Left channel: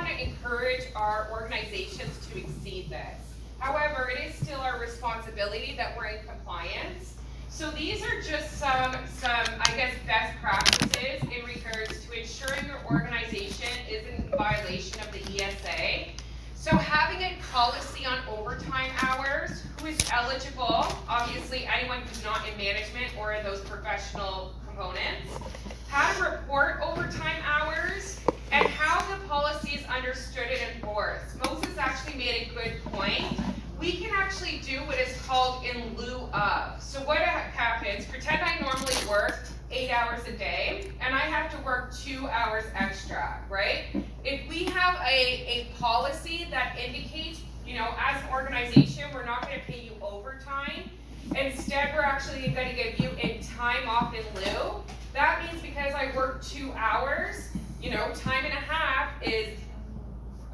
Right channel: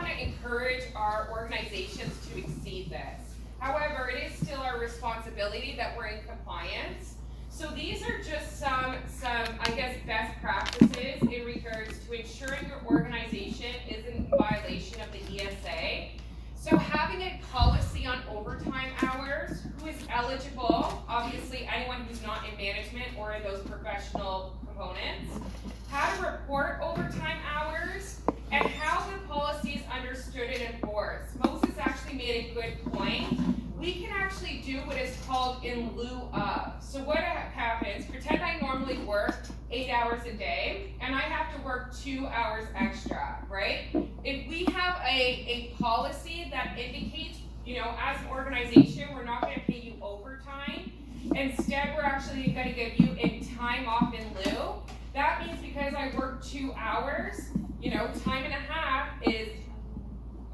want to encourage our organizations to exceed this. However, it is still our responsibility that we're in compliance. So these are just some I guess, best practices in regards to ensuring your organization isn't in violation of the ESA. So having a policy on overtime hours, who is eligible, obviously anyone who's not in management or in those professional components, how to report overtime hours, and how the policy is understood and enforced. Moses actually made a good point. We can actually do what is called in lieu of. So what happens, pretend I normally work 8 hours a day, and I have to work 2 hours extra, right? If we have a policy that indicates, as an organization, we're not gonna pay you overtime, instead we're actually gonna give you a time off in lieu. That means because I work 2 hours, time and a half is,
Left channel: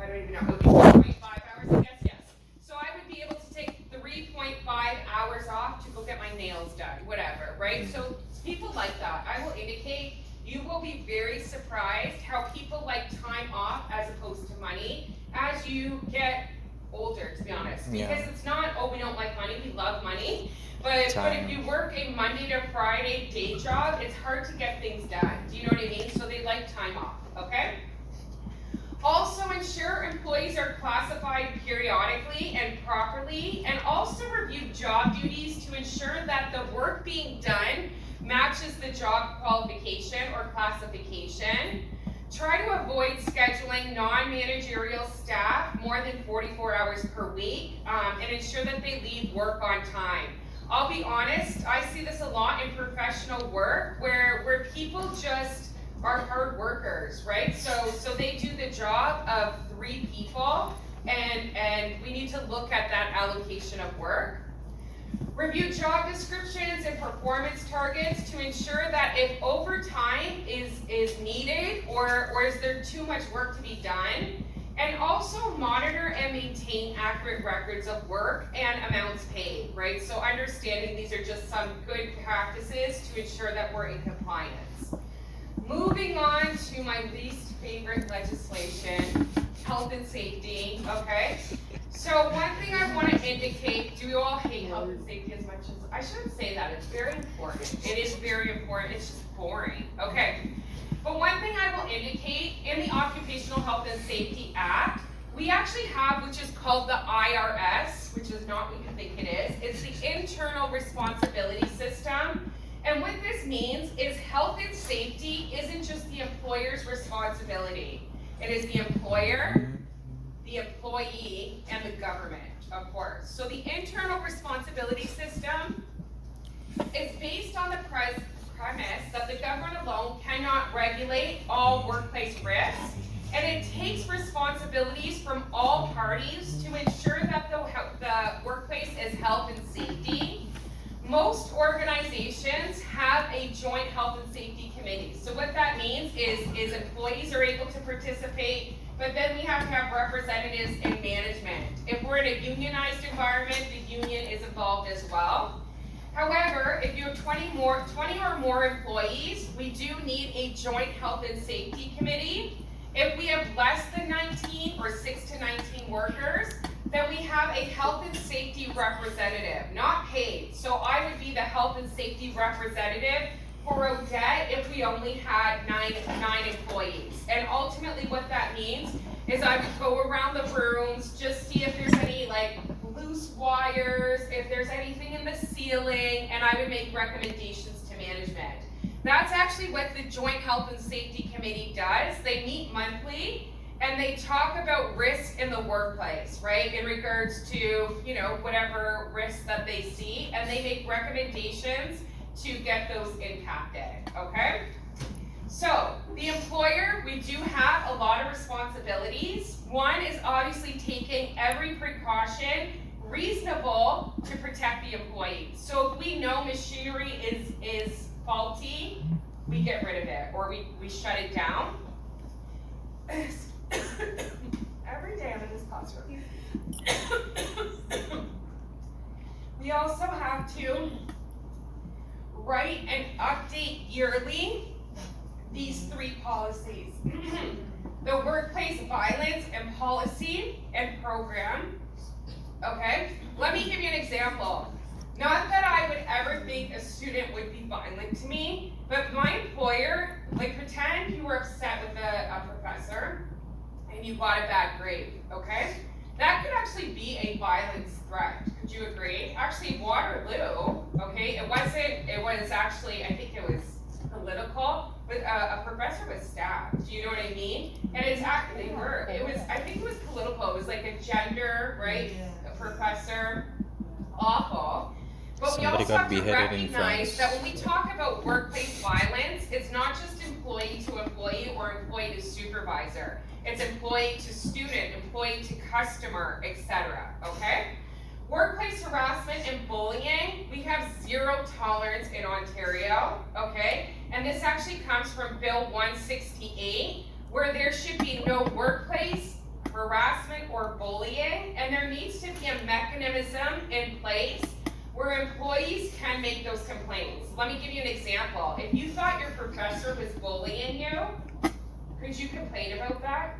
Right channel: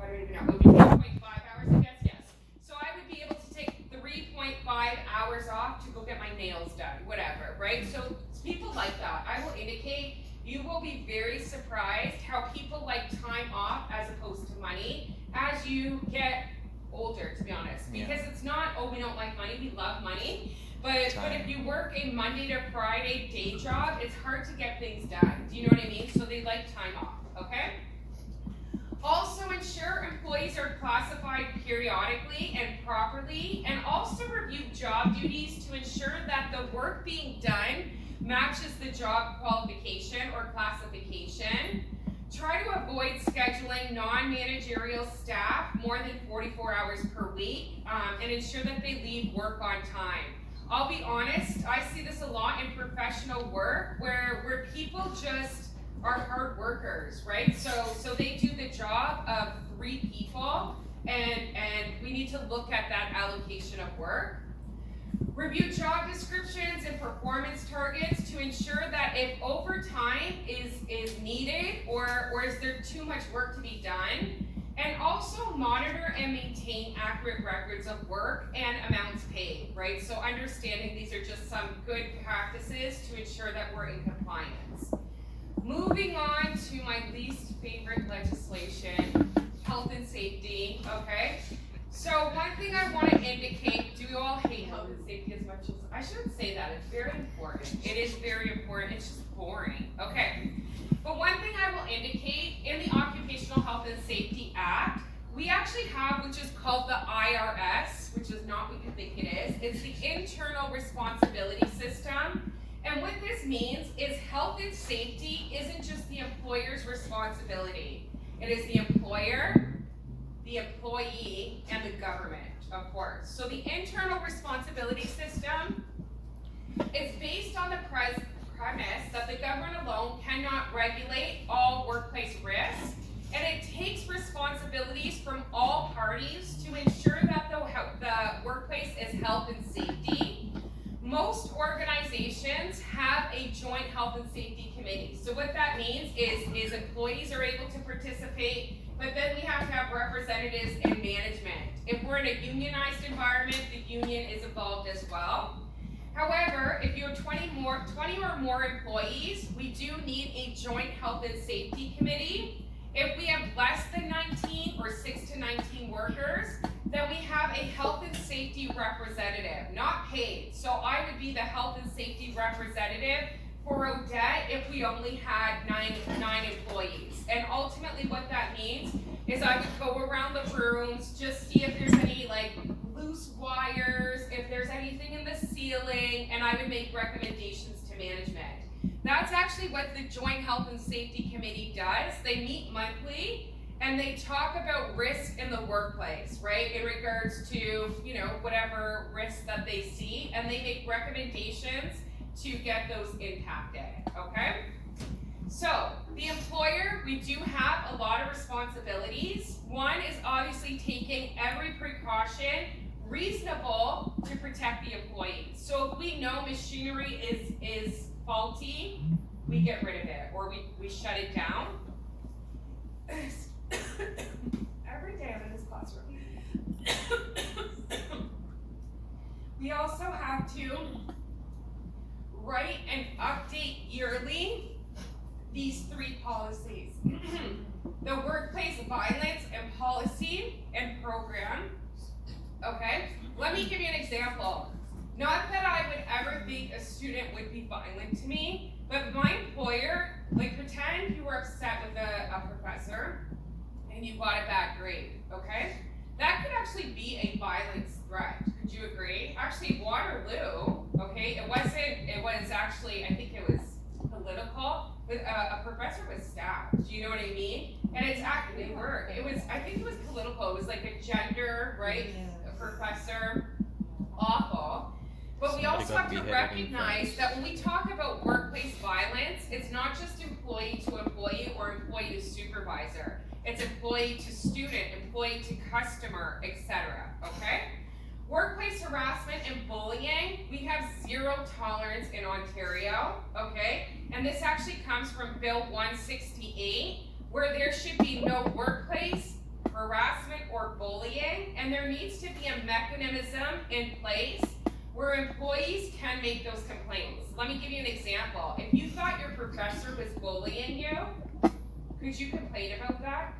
I don't even know, it would be 4.5 hours, I guess, yes. So I would be able to take 3.5 hours off to go get my nails done, whatever, right? So people like that. I will indicate, you will be very surprised how people like time off as opposed to money as you get older, to be honest. Because it's not, oh, we don't like money, we love money. But if you work a Monday to Friday day job, it's hard to get things done. Do you know what I mean? So they like time off, okay? Also ensure employees are classified periodically and properly, and also review job duties to ensure that the work being done matches the job qualification or classification. Try to avoid scheduling non-managerial staff more than 44 hours per week, and ensure that they leave work on time. I'll be honest, I see this a lot in professional work where people just are hard workers, right? So they do the job of 3 people, and we need to look at that allocation of work. Review job descriptions and performance targets to ensure that if overtime is needed or is there too much work to be done. And also monitor and maintain accurate records of work and amounts paid, right? So understanding these are just some good practices to ensure that we're in compliance. Moving on to my least favorite legislation, health and safety, okay? So one thing I want to indicate, do you all hate health and safety as much as, I shouldn't say that, it's very important. It is very important, it's just boring, okay? But one thing I will indicate, in the Occupational Health and Safety Act, we actually have, which is called the IRS, which is not what you think it is. It's the Internal Responsibility System. And what this means is health and safety isn't just the employer's responsibility. It is the employer, the employee, and the government, of course. So the Internal Responsibility System is based on the premise that the government alone cannot regulate all workplace risks, and it takes responsibilities from all parties to ensure that the workplace is health and safety. Most organizations have a joint health and safety committee. So what that means is employees are able to participate, but then we have to have representatives in management. If we're in a unionized environment, the union is involved as well. However, if you have 20 or more employees, we do need a joint health and safety committee. If we have less than 19 or 6 to 19 workers, then we have a health and safety representative, not paid. So I would be the health and safety representative for Odette if we only had nine employees. And ultimately what that means is I would go around the rooms, just see if there's any loose wires, if there's anything in the ceiling, and I would make recommendations to management. That's actually what the Joint Health and Safety Committee does. They meet monthly and they talk about risk in the workplace, right? In regards to, whatever risks that they see, and they make recommendations to get those impacted, okay? So, the employer, we do have a lot of responsibilities. One is obviously taking every precaution reasonable to protect the employees. So if we know machinery is faulty, we get rid of it, or we shut it down. Every day I'm in this classroom. We also have to write and update yearly these 3 policies. the workplace violence and policy and program. Okay, let me give you an example. Not that I would ever think a student would be violent to me, but my employer, like pretend you were upset with a professor and you got a bad grade, okay? That could actually be a violence threat. Could you agree? Actually, Waterloo, okay, it was actually, I think it was political, but a professor was stabbed. Do you know what I mean? And it's actually work. I think it was political. It was like a gender, right? A professor, awful. But we also have to recognize that when we talk about workplace violence, it's not just employee to employee or employee to supervisor. It's employee to student, employee to customer, etc. Okay? Workplace harassment and bullying, we have zero tolerance in Ontario, okay? And this actually comes from Bill 168, where there should be no workplace harassment or bullying, and there needs to be a mechanism in place where employees can make those complaints. Let me give you an example. If you thought your professor was bullying you, could you complain about that?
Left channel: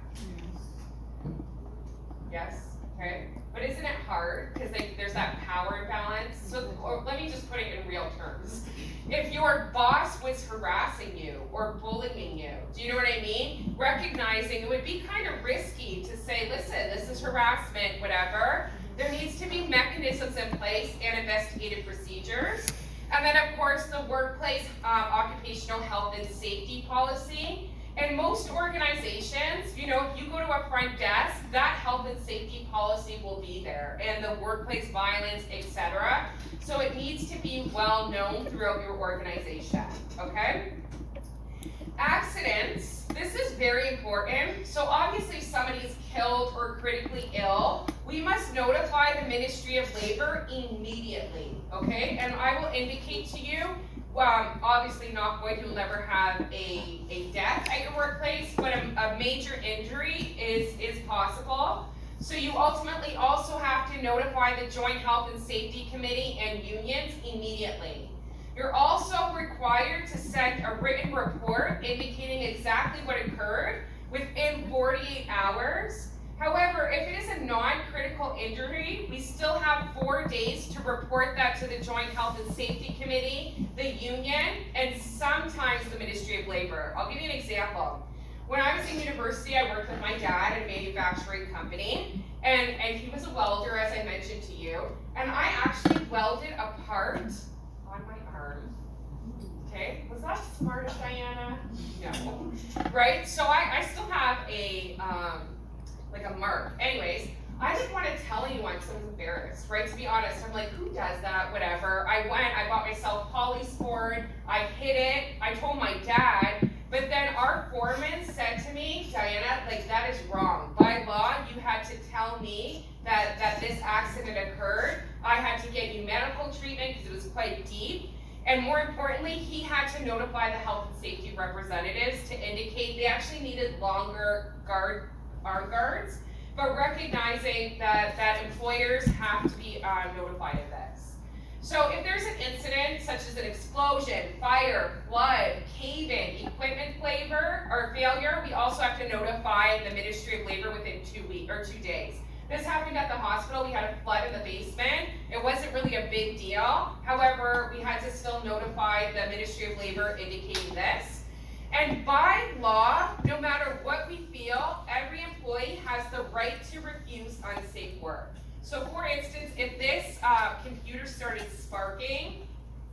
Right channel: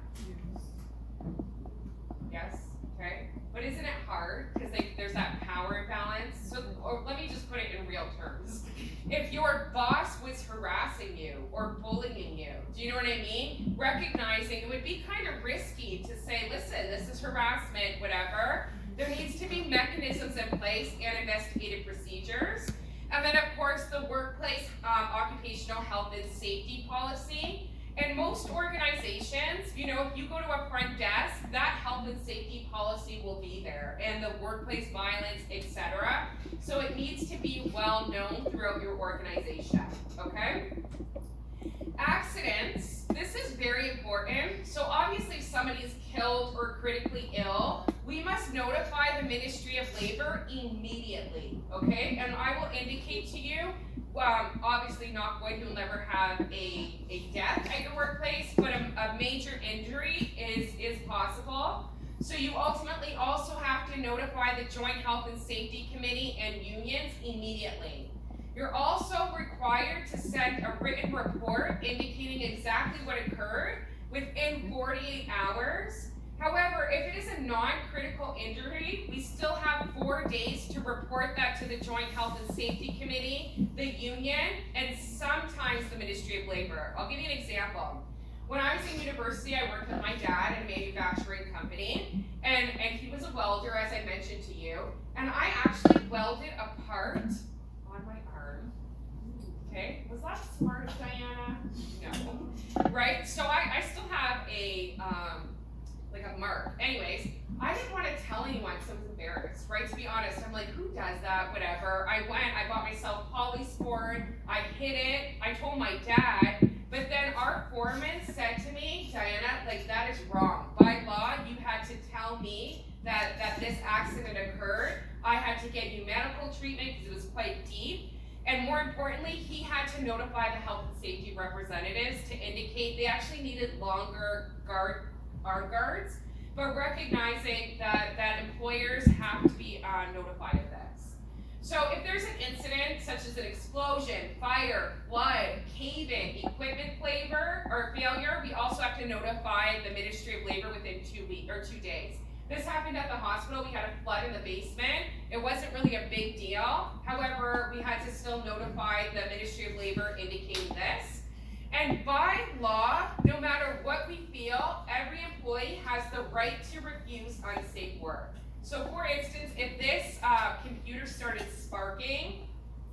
Yes, okay. But isn't it hard? Because there's that power imbalance. So, or let me just put it in real terms. If your boss was harassing you or bullying you, do you know what I mean? Recognizing it would be kind of risky to say, listen, this is harassment, whatever. There needs to be mechanisms in place and investigative procedures. And then of course the workplace occupational health and safety policy. And most organizations, you know, if you go to a front desk, that health and safety policy will be there, and the workplace violence, etc. So it needs to be well known throughout your organization, okay? Accidents, this is very important. So obviously if somebody is killed or critically ill, we must notify the Ministry of Labor immediately, okay? And I will indicate to you, obviously knock wood, you'll never have a death at your workplace, but a major injury is possible. So you ultimately also have to notify the Joint Health and Safety Committee and unions immediately. You're also required to send a written report indicating exactly what occurred within 48 hours. However, if it is a non-critical injury, we still have 4 days to report that to the Joint Health and Safety Committee, the union, and sometimes the Ministry of Labor. I'll give you an example. When I was in university, I worked with my dad at a manufacturing company, and he was a welder, as I mentioned to you, and I actually welded a part on my arm. Okay, was that smart, Diana? No. Right, so I still have a mark. Anyways, I didn't want to tell anyone because I was embarrassed, right? To be honest, I'm like, who does that? Whatever. I bought myself polysport, I hid it, I told my dad, but then our foreman said to me, Diana, like, that is wrong. By law, you had to tell me that this accident occurred. I had to get you medical treatment because it was quite deep. And more importantly, he had to notify the health and safety representatives to indicate they actually needed longer arm guards, but recognizing that employers have to be notified of this. So if there's an incident such as an explosion, fire, flood, cave-in, equipment failure, we also have to notify the Ministry of Labor within 2 days. This happened at the hospital. We had a flood in the basement. It wasn't really a big deal. However, we had to still notify the Ministry of Labor indicating this. And by law, no matter what we feel, every employee has the right to refuse unsafe work. So for instance, if this computer started sparking,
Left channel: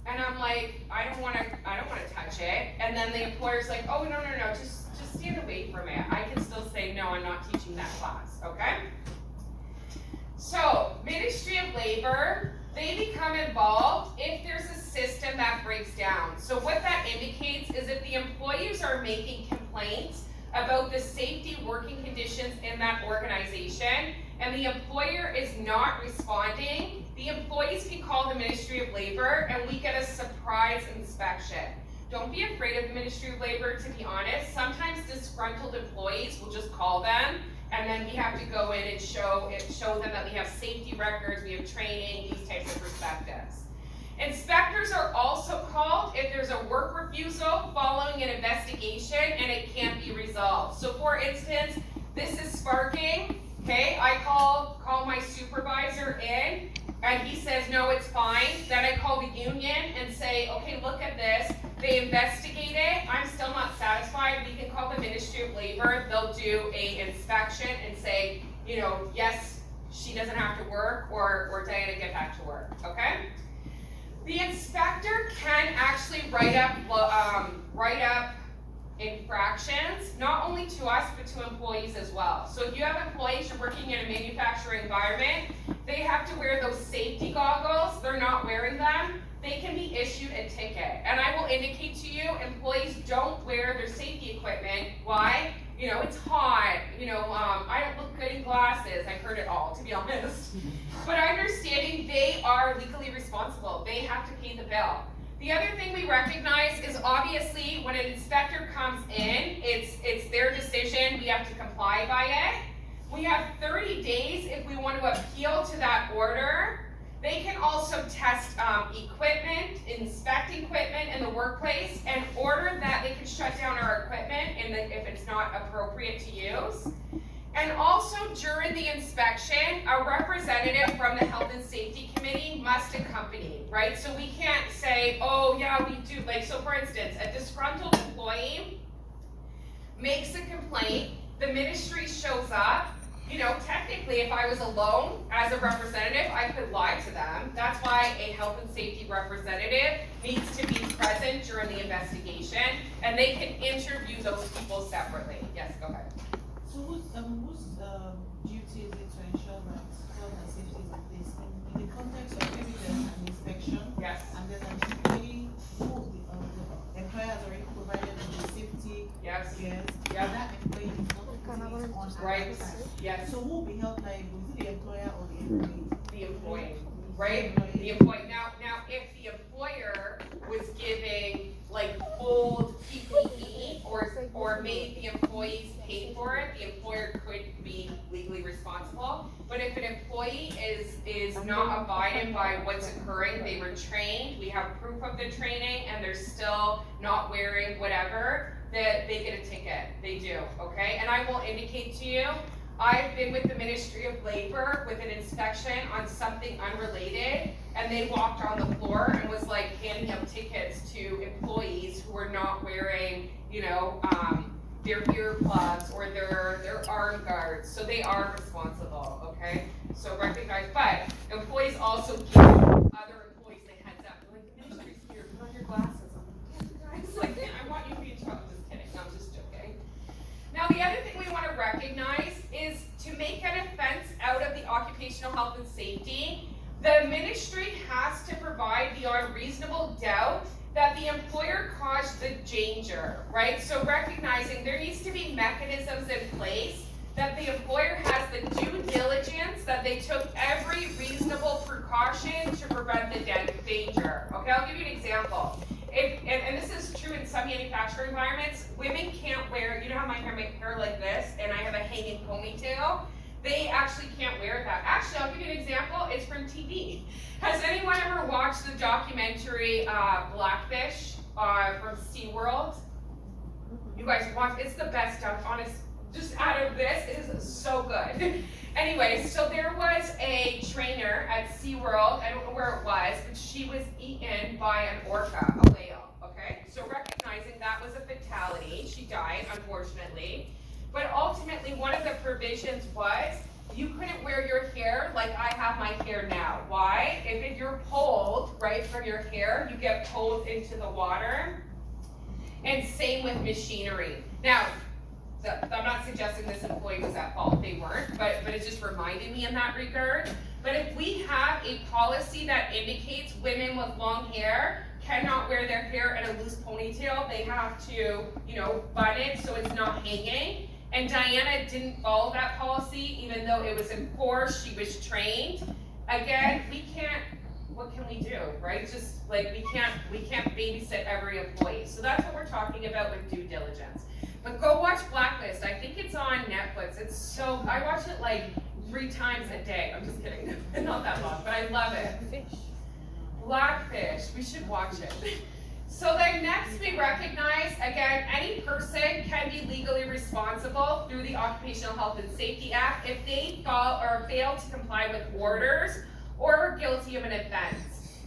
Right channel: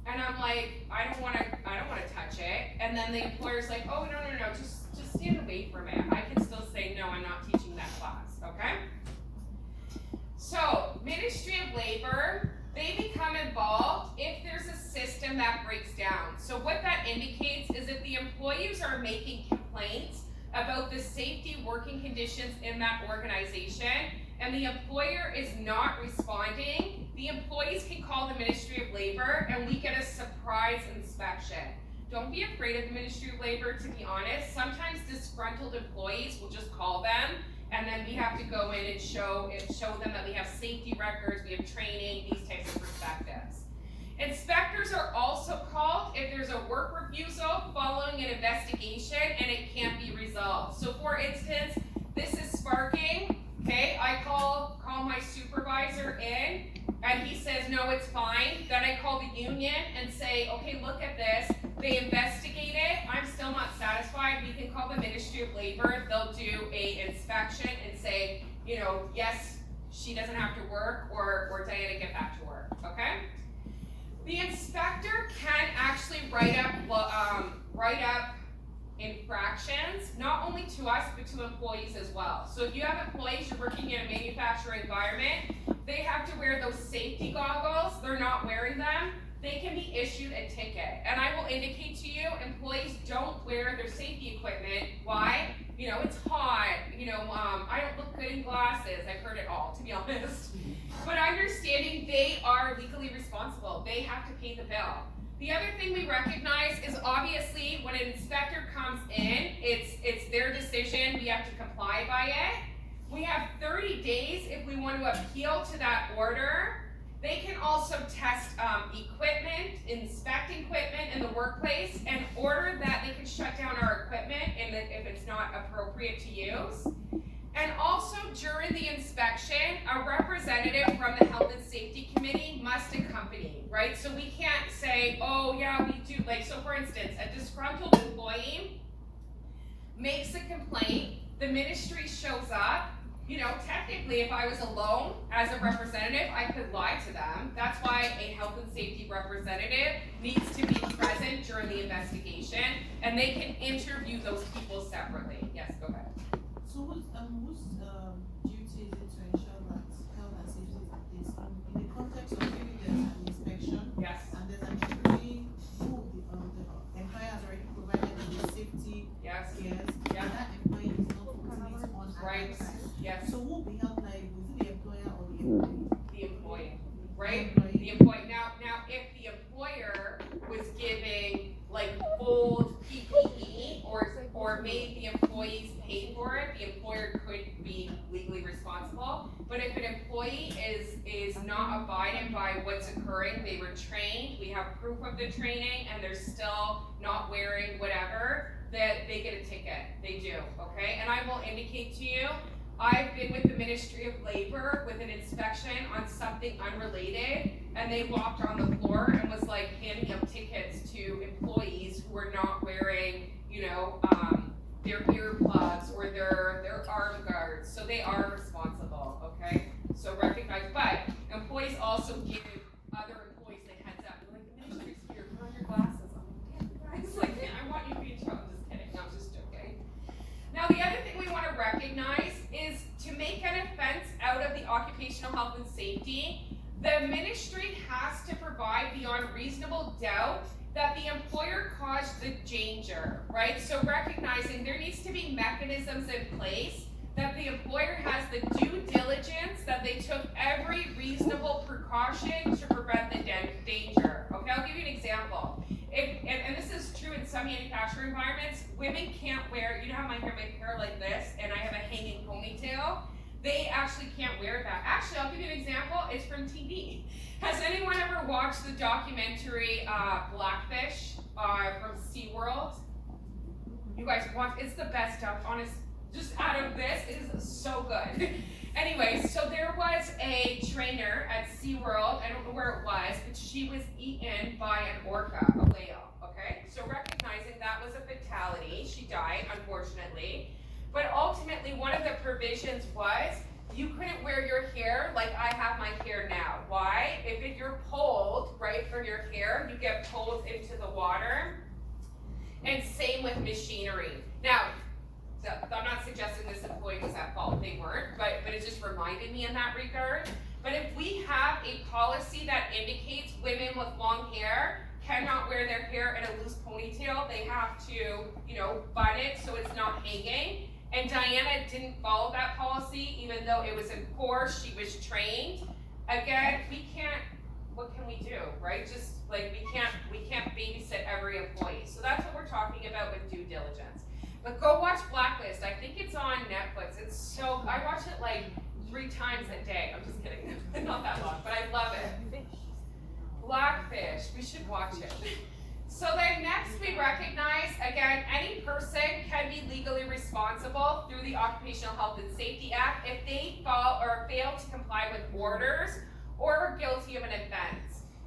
and I'm like, I don't want to touch it, and then the employer's like, oh no, just stand away from it. I can still say, no, I'm not teaching that class, okay? So, Ministry of Labor, they become involved if there's a system that breaks down. So what that indicates is if the employees are making complaints about the safety working conditions in that organization, and the employer is not responding, the employees can call the Ministry of Labor and we get a surprise inspection. Don't be afraid of the Ministry of Labor, to be honest. Sometimes disgruntled employees will just call them, and then we have to go in and show them that we have safety records, we have training, these types of perspectives. Inspectors are also called if there's a work refusal following an investigation and it can't be resolved. So for instance, this is sparking, okay? I call my supervisor in and he says, no, it's fine. Then I call the union and say, okay, look at this. They investigate it. I'm still not satisfied. We can call the Ministry of Labor. They'll do an inspection and say, you know, yes, she doesn't have to work, or Diana, get back to work, okay? The inspector can actually write up infractions, not only to us, but to employees as well. So if you have employees, you're working in a manufacturing environment, they have to wear those safety goggles. They're not wearing them. They can be issued a ticket. And I will indicate to you, employees don't wear their safety equipment. Why? You know, it's hot. You know, I don't look good in glasses. I've heard it all, to be honest. But understanding they are legally responsible. They have to pay the bill. The other thing we recognize is obviously when an inspector comes in, it's their decision. We have to comply by it. We have 30 days if we want to appeal to that order. They can also test equipment, inspect equipment in the workplace, and order that they can shut down our equipment if it's not appropriate to use. And also during the inspection, a representative from the Health and Safety Committee must accompany, right? So we can't say, oh yeah, we do, like, so for instance, a disgruntled employee makes a complaint, the ministry shows up. You know, technically, if I was alone as a representative, I could lie to them. That's why a health and safety representative needs to be present during the investigation, and they can interview those people separately. Yes, go ahead. So whose duty is it to ensure that health and safety is in place? In the context of maybe there's an inspection, Yes. and there's an employee who the employer has already provided with the safety Yes. gears, Yeah. and that employee is not putting it on Right. at that time. Yes. So who will be held liable? Is it the employer or the employee? The employee, right? The employee. Now, if the employer was giving like old PPE or made the employees pay for it, the employer could be legally responsible. But if an employee is not abiding by what's occurring, they were trained, we have proof of the training, and they're still not wearing whatever, that they get a ticket. They do, okay? And I will indicate to you, I've been with the Ministry of Labor with an inspection on something unrelated, and they walked on the floor and was like handing out tickets to employees who were not wearing, you know, their earplugs or their arm guards. So they are responsible, okay? So recognize, but employees also give other employees the heads up. They're like, the ministry's here, put on your glasses. I'm like, guys, like, I want you to be in trouble. I'm just kidding, no, I'm just joking. Now the other thing we want to recognize is to make an offense out of the occupational health and safety, the ministry has to provide beyond reasonable doubt that the employer caused the danger, right? So recognizing there needs to be mechanisms in place that the employer has the due diligence, that they took every reasonable precaution to prevent the danger. Okay, I'll give you an example. And this is true in some manufacturing environments, women can't wear, you know how my hair like this, and I have a hanging ponytail? They actually can't wear that. Actually, I'll give you an example, it's from TV. Has anyone ever watched the documentary Blackfish from SeaWorld? You guys watch, it's the best stuff, honest, just out of this, it is so good. Anyways, so there was a trainer at SeaWorld, I don't know where it was, but she was eaten by an orca, a whale, okay? So recognizing that was a fatality, she died, unfortunately. But ultimately, one of the provisions was, you couldn't wear your hair like I have my hair now. Why? If you're pulled, right, from your hair, you get pulled into the water. And same with machinery. Now, I'm not suggesting this employee was at fault, they weren't, but it just reminded me in that regard. But if we have a policy that indicates women with long hair cannot wear their hair in a loose ponytail, they have to, you know, bun it so it's not hanging. And Diana didn't follow that policy, even though it was enforced, she was trained. Again, we can't, what can we do, right? Just like we can't babysit every employee. So that's what we're talking about with due diligence. But go watch Blacklist. I think it's on Netflix. It's so, I watch it like 3 times a day. I'm just kidding, not that long, but I love it. Blackfish, we should watch it. So then next we recognize, again, any person can be legally responsible through the Occupational Health and Safety Act if they fall or fail to comply with orders or are guilty of an offense.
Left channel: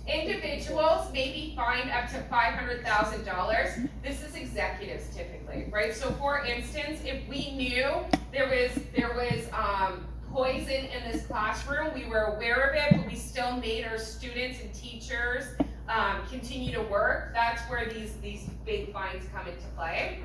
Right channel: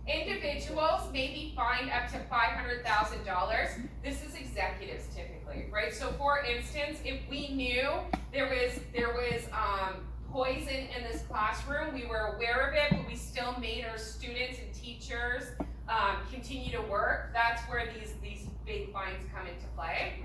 Individuals may be fined up to $500,000. This is executives typically, right? So for instance, if we knew there was poison in this classroom, we were aware of it, but we still made our students and teachers continue to work, that's where these big fines come into play.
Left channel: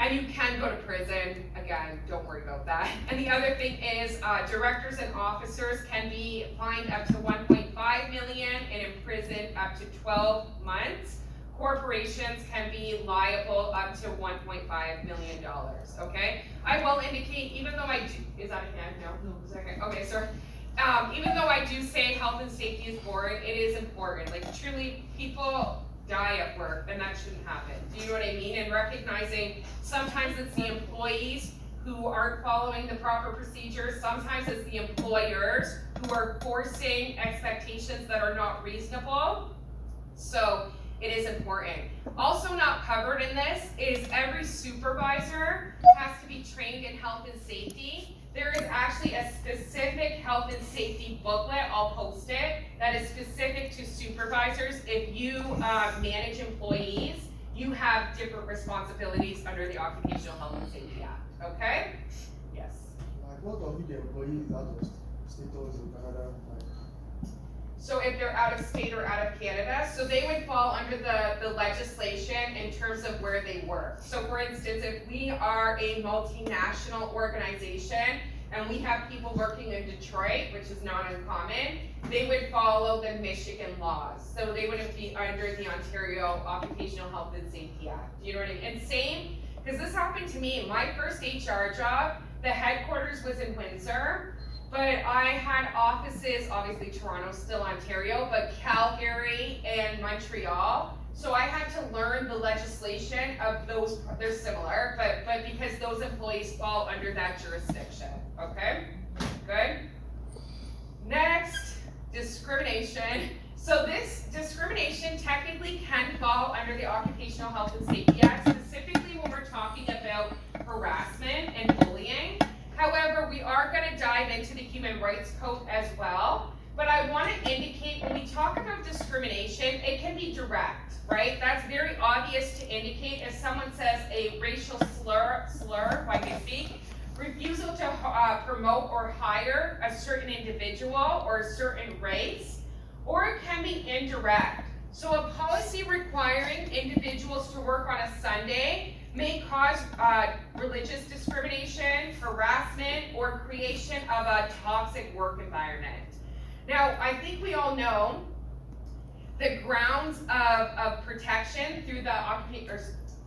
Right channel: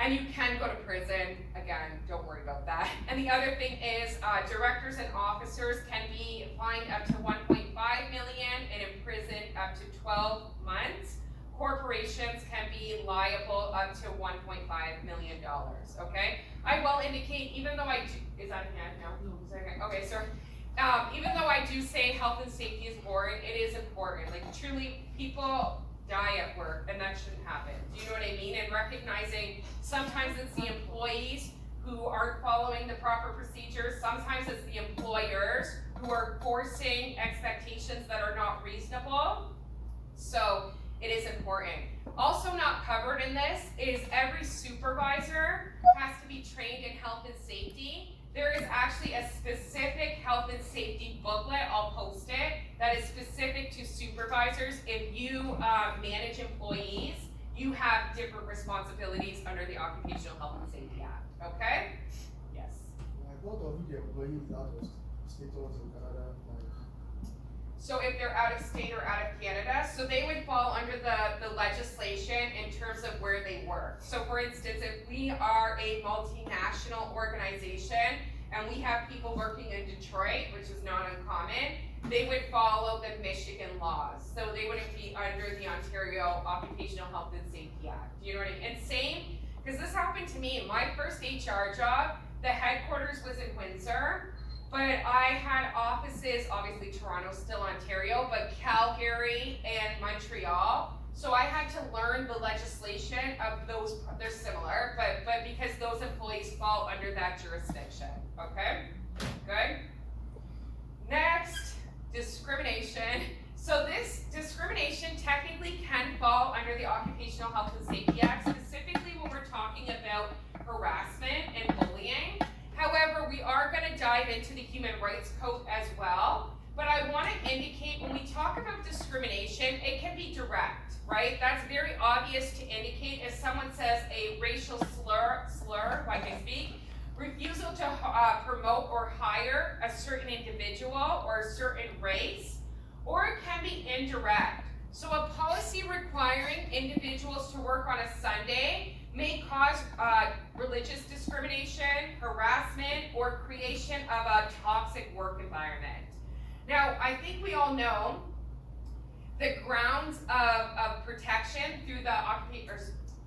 And you can go to prison, again, don't worry about that. And the other thing is directors and officers can be fined up to $1.5 million and imprisoned up to 12 months. Corporations can be liable up to $1.5 million, okay? I will indicate, even though I do, is that a hand? No? Okay, so even though I do say health and safety is boring, it is important. Like truly, people die at work and that shouldn't happen. Do you know what I mean? And recognizing sometimes it's the employees who aren't following the proper procedures, sometimes it's the employers who are forcing expectations that are not reasonable. So it is important. Also not covered in this is every supervisor has to be trained in health and safety. There is actually a specific health and safety booklet, I'll post it, that is specific to supervisors. If you manage employees, you have different responsibilities under the Occupational Health and Safety Act, okay? Yes. What of the employees out of state or Canada? So if they're out of state or out of Canada, so they would fall under the legislation in terms of where they work. So for instance, if we are a multinational organization and we have people working in Detroit, which is not uncommon, they would follow the Michigan laws. So they wouldn't be under the Ontario Occupational Health and Safety Act. Do you know what I mean? And same, because this happened to me, my first HR job, the headquarters was in Windsor. But I had offices, obviously Toronto, still Ontario, but Calgary and Montreal. So I had to learn the legislation of those, they're similar, but because those employees fall under that jurisdiction, okay? Good. Next, discrimination. So this discrimination technically can fall under the Occupational Health and Safety Act, specifically when we're talking about harassment and bullying. However, we are going to dive into the Human Rights Code as well, but I want to indicate when we talk about discrimination, it can be direct, right? That's very obvious to indicate if someone says a racial slur, if I can speak, refusal to promote or hire a certain individual or a certain race, or it can be indirect. So a policy requiring individuals to work on a Sunday may cause religious discrimination, harassment, or creation of a toxic work environment. Now, I think we all know the grounds of protection through the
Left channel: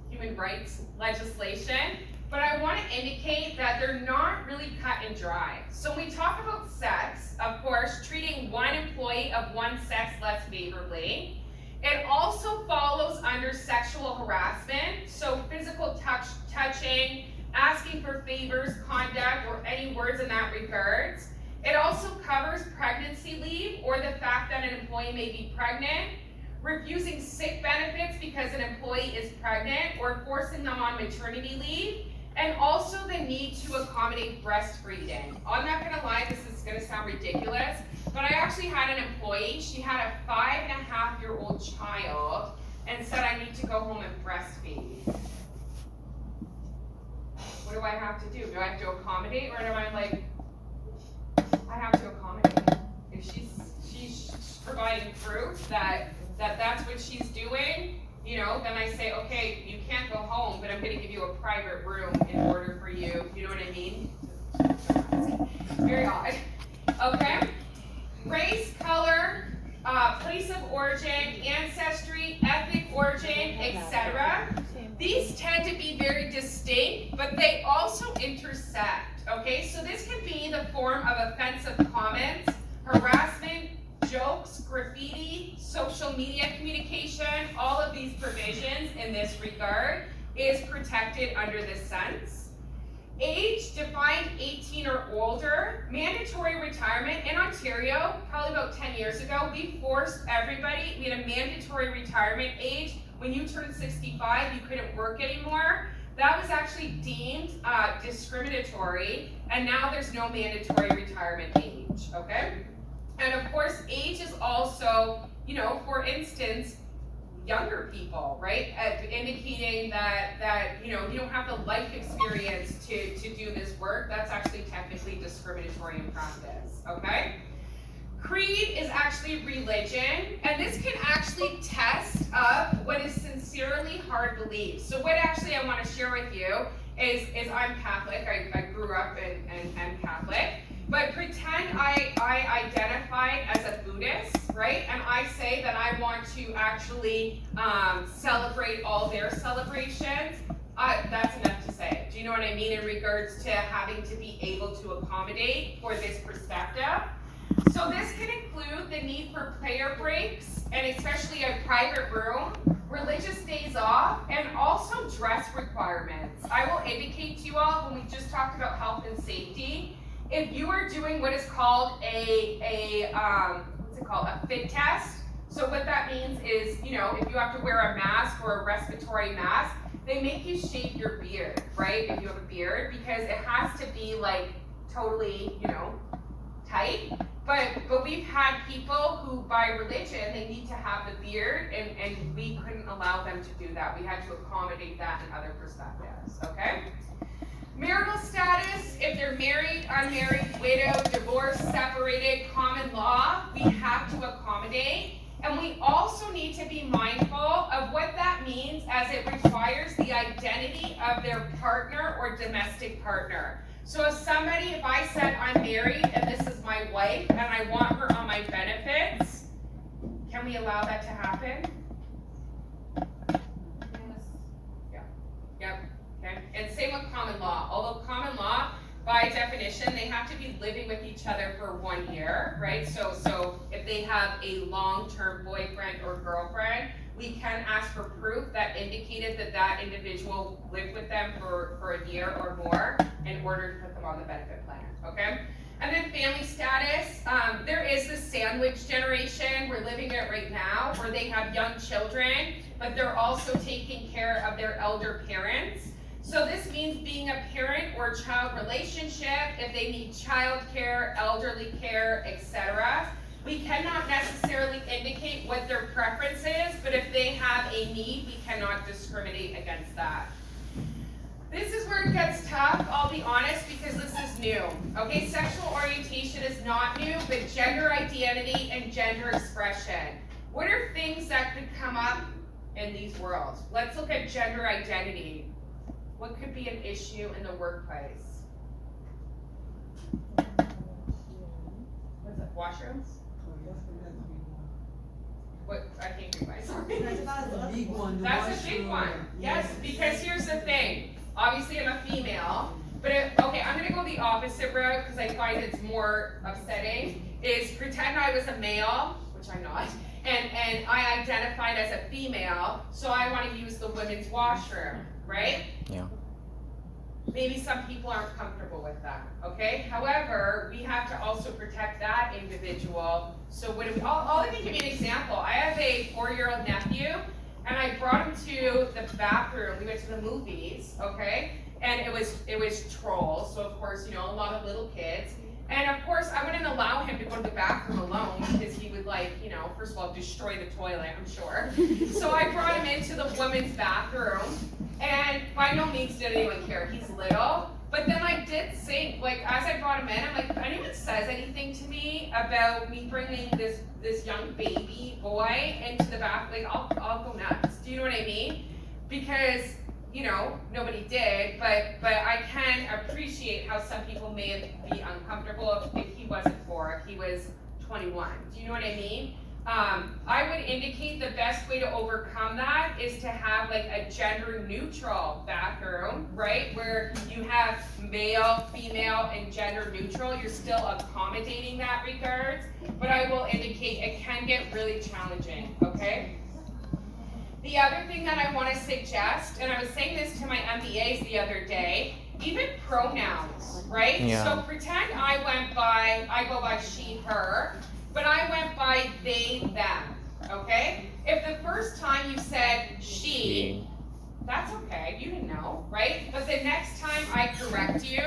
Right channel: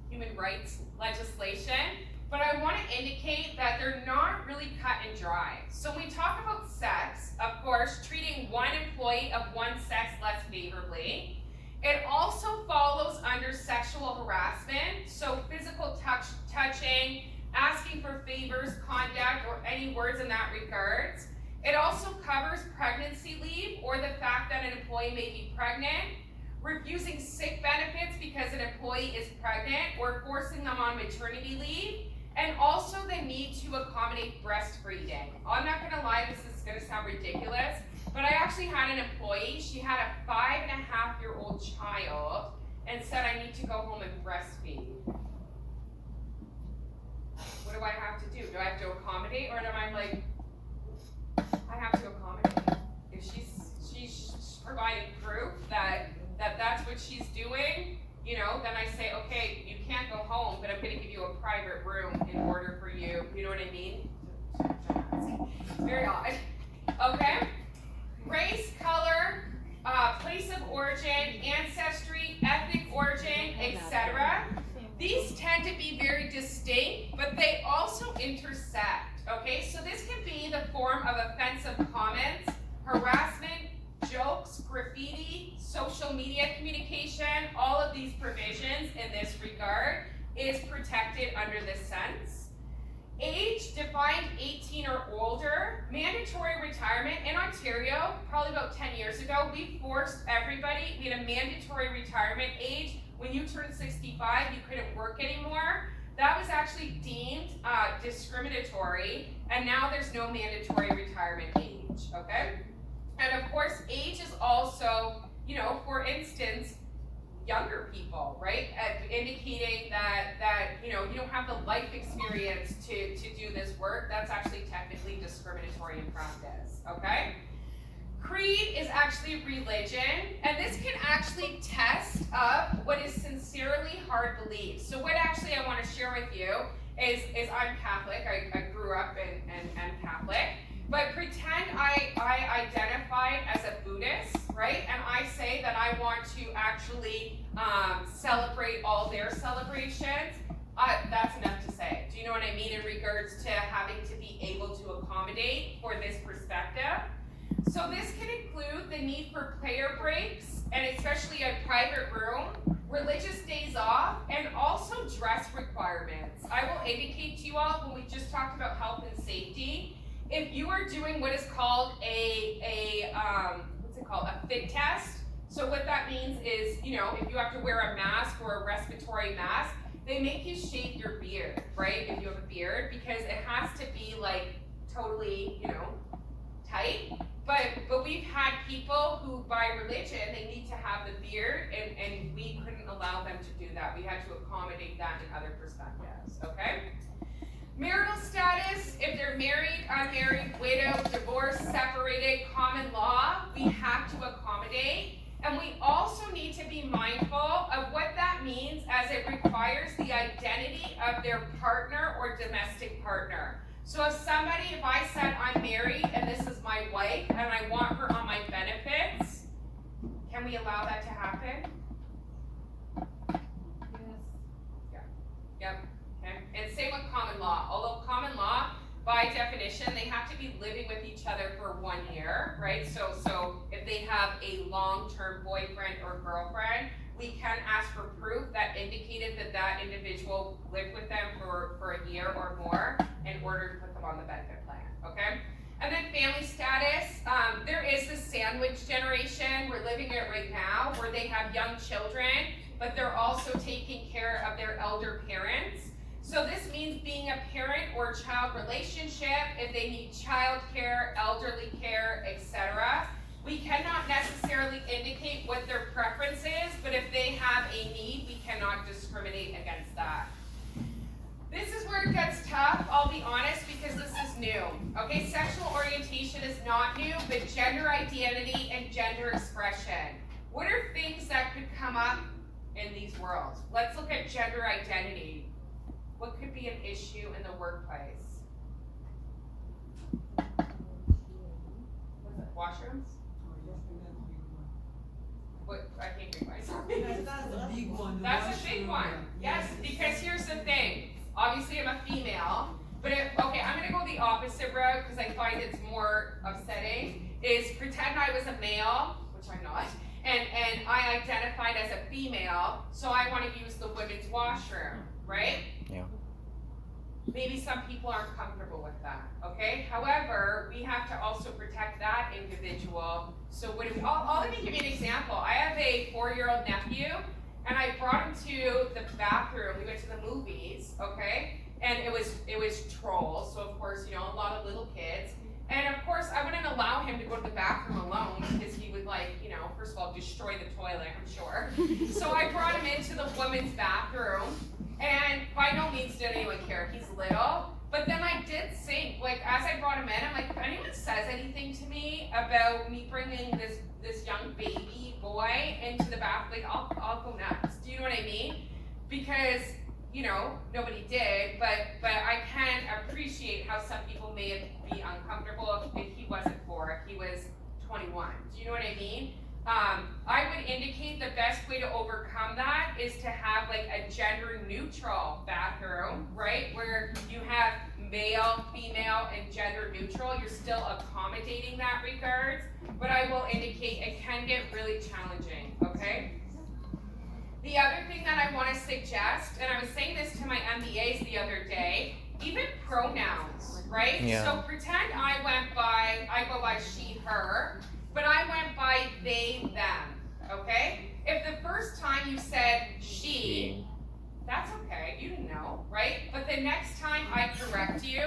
human rights legislation, but I want to indicate that they're not really cut and dry. So when we talk about sex, of course, treating one employee of one sex less favorably, it also follows under sexual harassment, so physical touching, asking for favors, conduct, or any words in that regards. It also covers pregnancy leave or the fact that an employee may be pregnant, refusing sick benefits because an employee is pregnant, or forcing them on maternity leave, and also the need to accommodate breastfeeding. I'm not gonna lie, this is gonna sound ridiculous, but I actually had an employee, she had a 5.5-year-old child and said, I need to go home and breastfeed. What do I have to do? Do I have to accommodate, or am I like, I have to accommodate? If she's providing proof that that's what she's doing, you know, then I say, okay, you can't go home, but I'm gonna give you a private room in order for you, you know what I mean? Very odd. Okay? Race, color, place of origin, ancestry, ethnic origin, etc. These tend to be very distinct, but they also intersect, okay? So this can be the form of offensive comments, harassment, jokes, graffiti, social media communication. All of these provisions in this regard is protected under this sense. Age defined 18 or older, mandatory retirement in Ontario, probably about 10 years ago, we forced everybody, we had a mandatory retirement age when you turned 65, you couldn't work anymore. That was actually deemed discriminatory, and now there's no mandatory retirement age, okay? And of course, age is also, you know, for instance, younger people, right? Indicating that you know, you don't have the life experience to do this work. That's actually technically discriminatory in practice, okay? Creed is actually religion, and this can actually test up what is sincerely hard beliefs. So what actually I want to share with you is I'm Catholic. I grew up and Catholic. But pretend I identified as a Buddhist, right? And I say that I want to actually celebrate all their celebrations. That's enough to say. Do you know what I mean in regards to having to be able to accommodate for this perspective? So this can include the need for prayer breaks, and especially a private room, religious days off, and also dress requirements. I will indicate to you all, when we just talked about health and safety, if you are doing what is called a fit test, so what that means is, you know, if you have to wear a mask or a respiratory mask, they make you shave your beard, right? If you have a beard, because it has to be like totally, you know, tight. But we've had people who, by religion, they need to have the beard, and we couldn't allow them to do that. We had to accommodate that in other perspectives, okay? Marital status, if they're married, unmarried, widowed, divorced, separated, common law, we have to accommodate. And we also need to be mindful of what that means as it requires the identity of their partner or domestic partner. So if I said I'm married and this is my wife and I want her on my benefits, can we allow that to happen? Yes. Yep. Okay. And same with common law. Although common law, by definition, they have to be living with each other for 1 year, right? So if they have a long-term boyfriend or girlfriend, we can ask for proof that indicated that individual lived with them for a year or more in order to put them on the benefit plan, okay? And then family status, there is the sandwich generation, we're living it right now, where they have young children, but they're also taking care of their elder parents. So this means being a parent or child relationship, if they need child care, elderly care, etc. We cannot necessarily indicate what their preference is, but if they have a need, we cannot discriminate against that. This is where it gets tough, I'll be honest, because this is new. Okay, sexual orientation is not new, but gender identity and gender expression. What are things that could come up in these worlds? Let's look at gender identity. What could be an issue in the workplace? What's that, washrooms? What, I can't read my, sorry. That's the big one. That's a big one, yes, because here's the thing. Obviously, I'm a female, but okay, I'm gonna go the opposite route because I find it's more upsetting, is pretend I was a male, which I'm not, and I identified as a female, so I wanna use the women's washroom, right? Yeah. Maybe some people aren't comfortable with that, okay? However, we have to also protect that individual. So what do we, I'll even give you an example. I have a 4-year-old nephew, and I brought him to the bathroom. We went to the movies, okay? And it was Trolls, so of course, you know, a lot of little kids. And of course, I wouldn't allow him to go to the bathroom alone because he would, like, you know, first of all, destroy the toilet, I'm sure. So I brought him into the women's bathroom, and by no means did anyone care. He's little. But then I did think, like, as I brought him in, I'm like, if anyone says anything to me about me bringing this young baby boy into the bath, like, I'll go nuts. Do you know what I mean? Because, you know, nobody did, but I can appreciate how some people may be uncomfortable if he wasn't 4, if he was 21. Do you know what I mean? I would indicate the best way to overcome that is to have like a gender neutral bathroom, right? Where you have male, female, and gender neutral. You're still accommodating that regards, but I will indicate it can get really challenging, okay? The other thing that I want to suggest, and I was saying this to my MBAs the other day, even pronouns, right? Yeah. So pretend I go by she, her, but I went by they, them, okay? If the first time time you said she, that's okay, you didn't know, right? But the next time I correct you,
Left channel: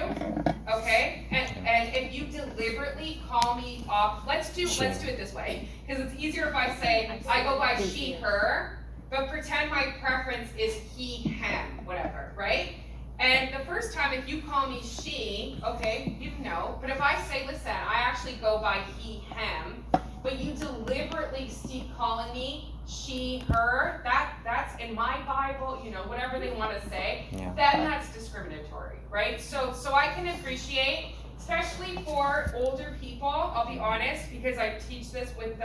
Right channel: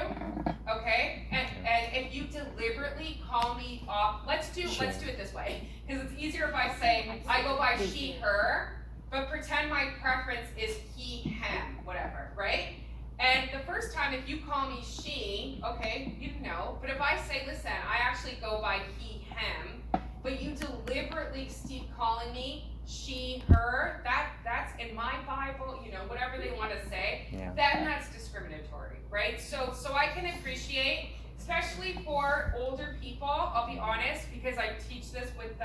okay, and if you deliberately call me off, let's do it this way, because it's easier if I say, I go by she, her, but pretend my preference is he, him, whatever, right? And the first time, if you call me she, okay, you know, but if I say, listen, I actually go by he, him, but you deliberately keep calling me she, her, that's in my Bible, you know, whatever they want to say, then that's discriminatory, right? So I can appreciate, especially for older people, I'll be honest, because I teach this with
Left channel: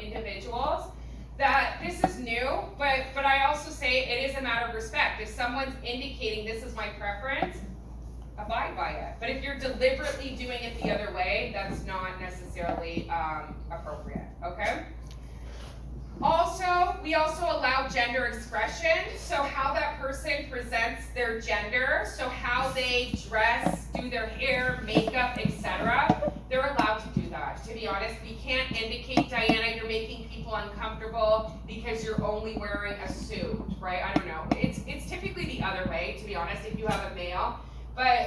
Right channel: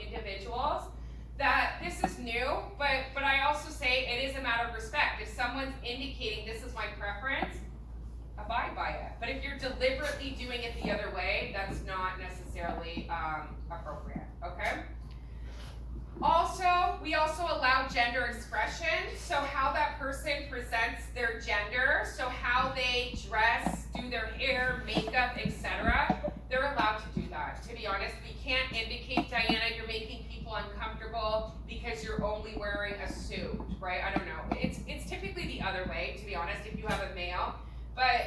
individuals, that this is new, but I also say it is a matter of respect. If someone's indicating this is my preference, abide by it. But if you're deliberately doing it the other way, that's not necessarily appropriate, okay? Also, we also allow gender expression, so how that person presents their gender, so how they dress, do their hair, makeup, etc. They're allowed to do that. To be honest, we can't indicate, Diana, you're making people uncomfortable because you're only wearing a suit, right? I don't know. It's typically the other way, to be honest, if you have a male, but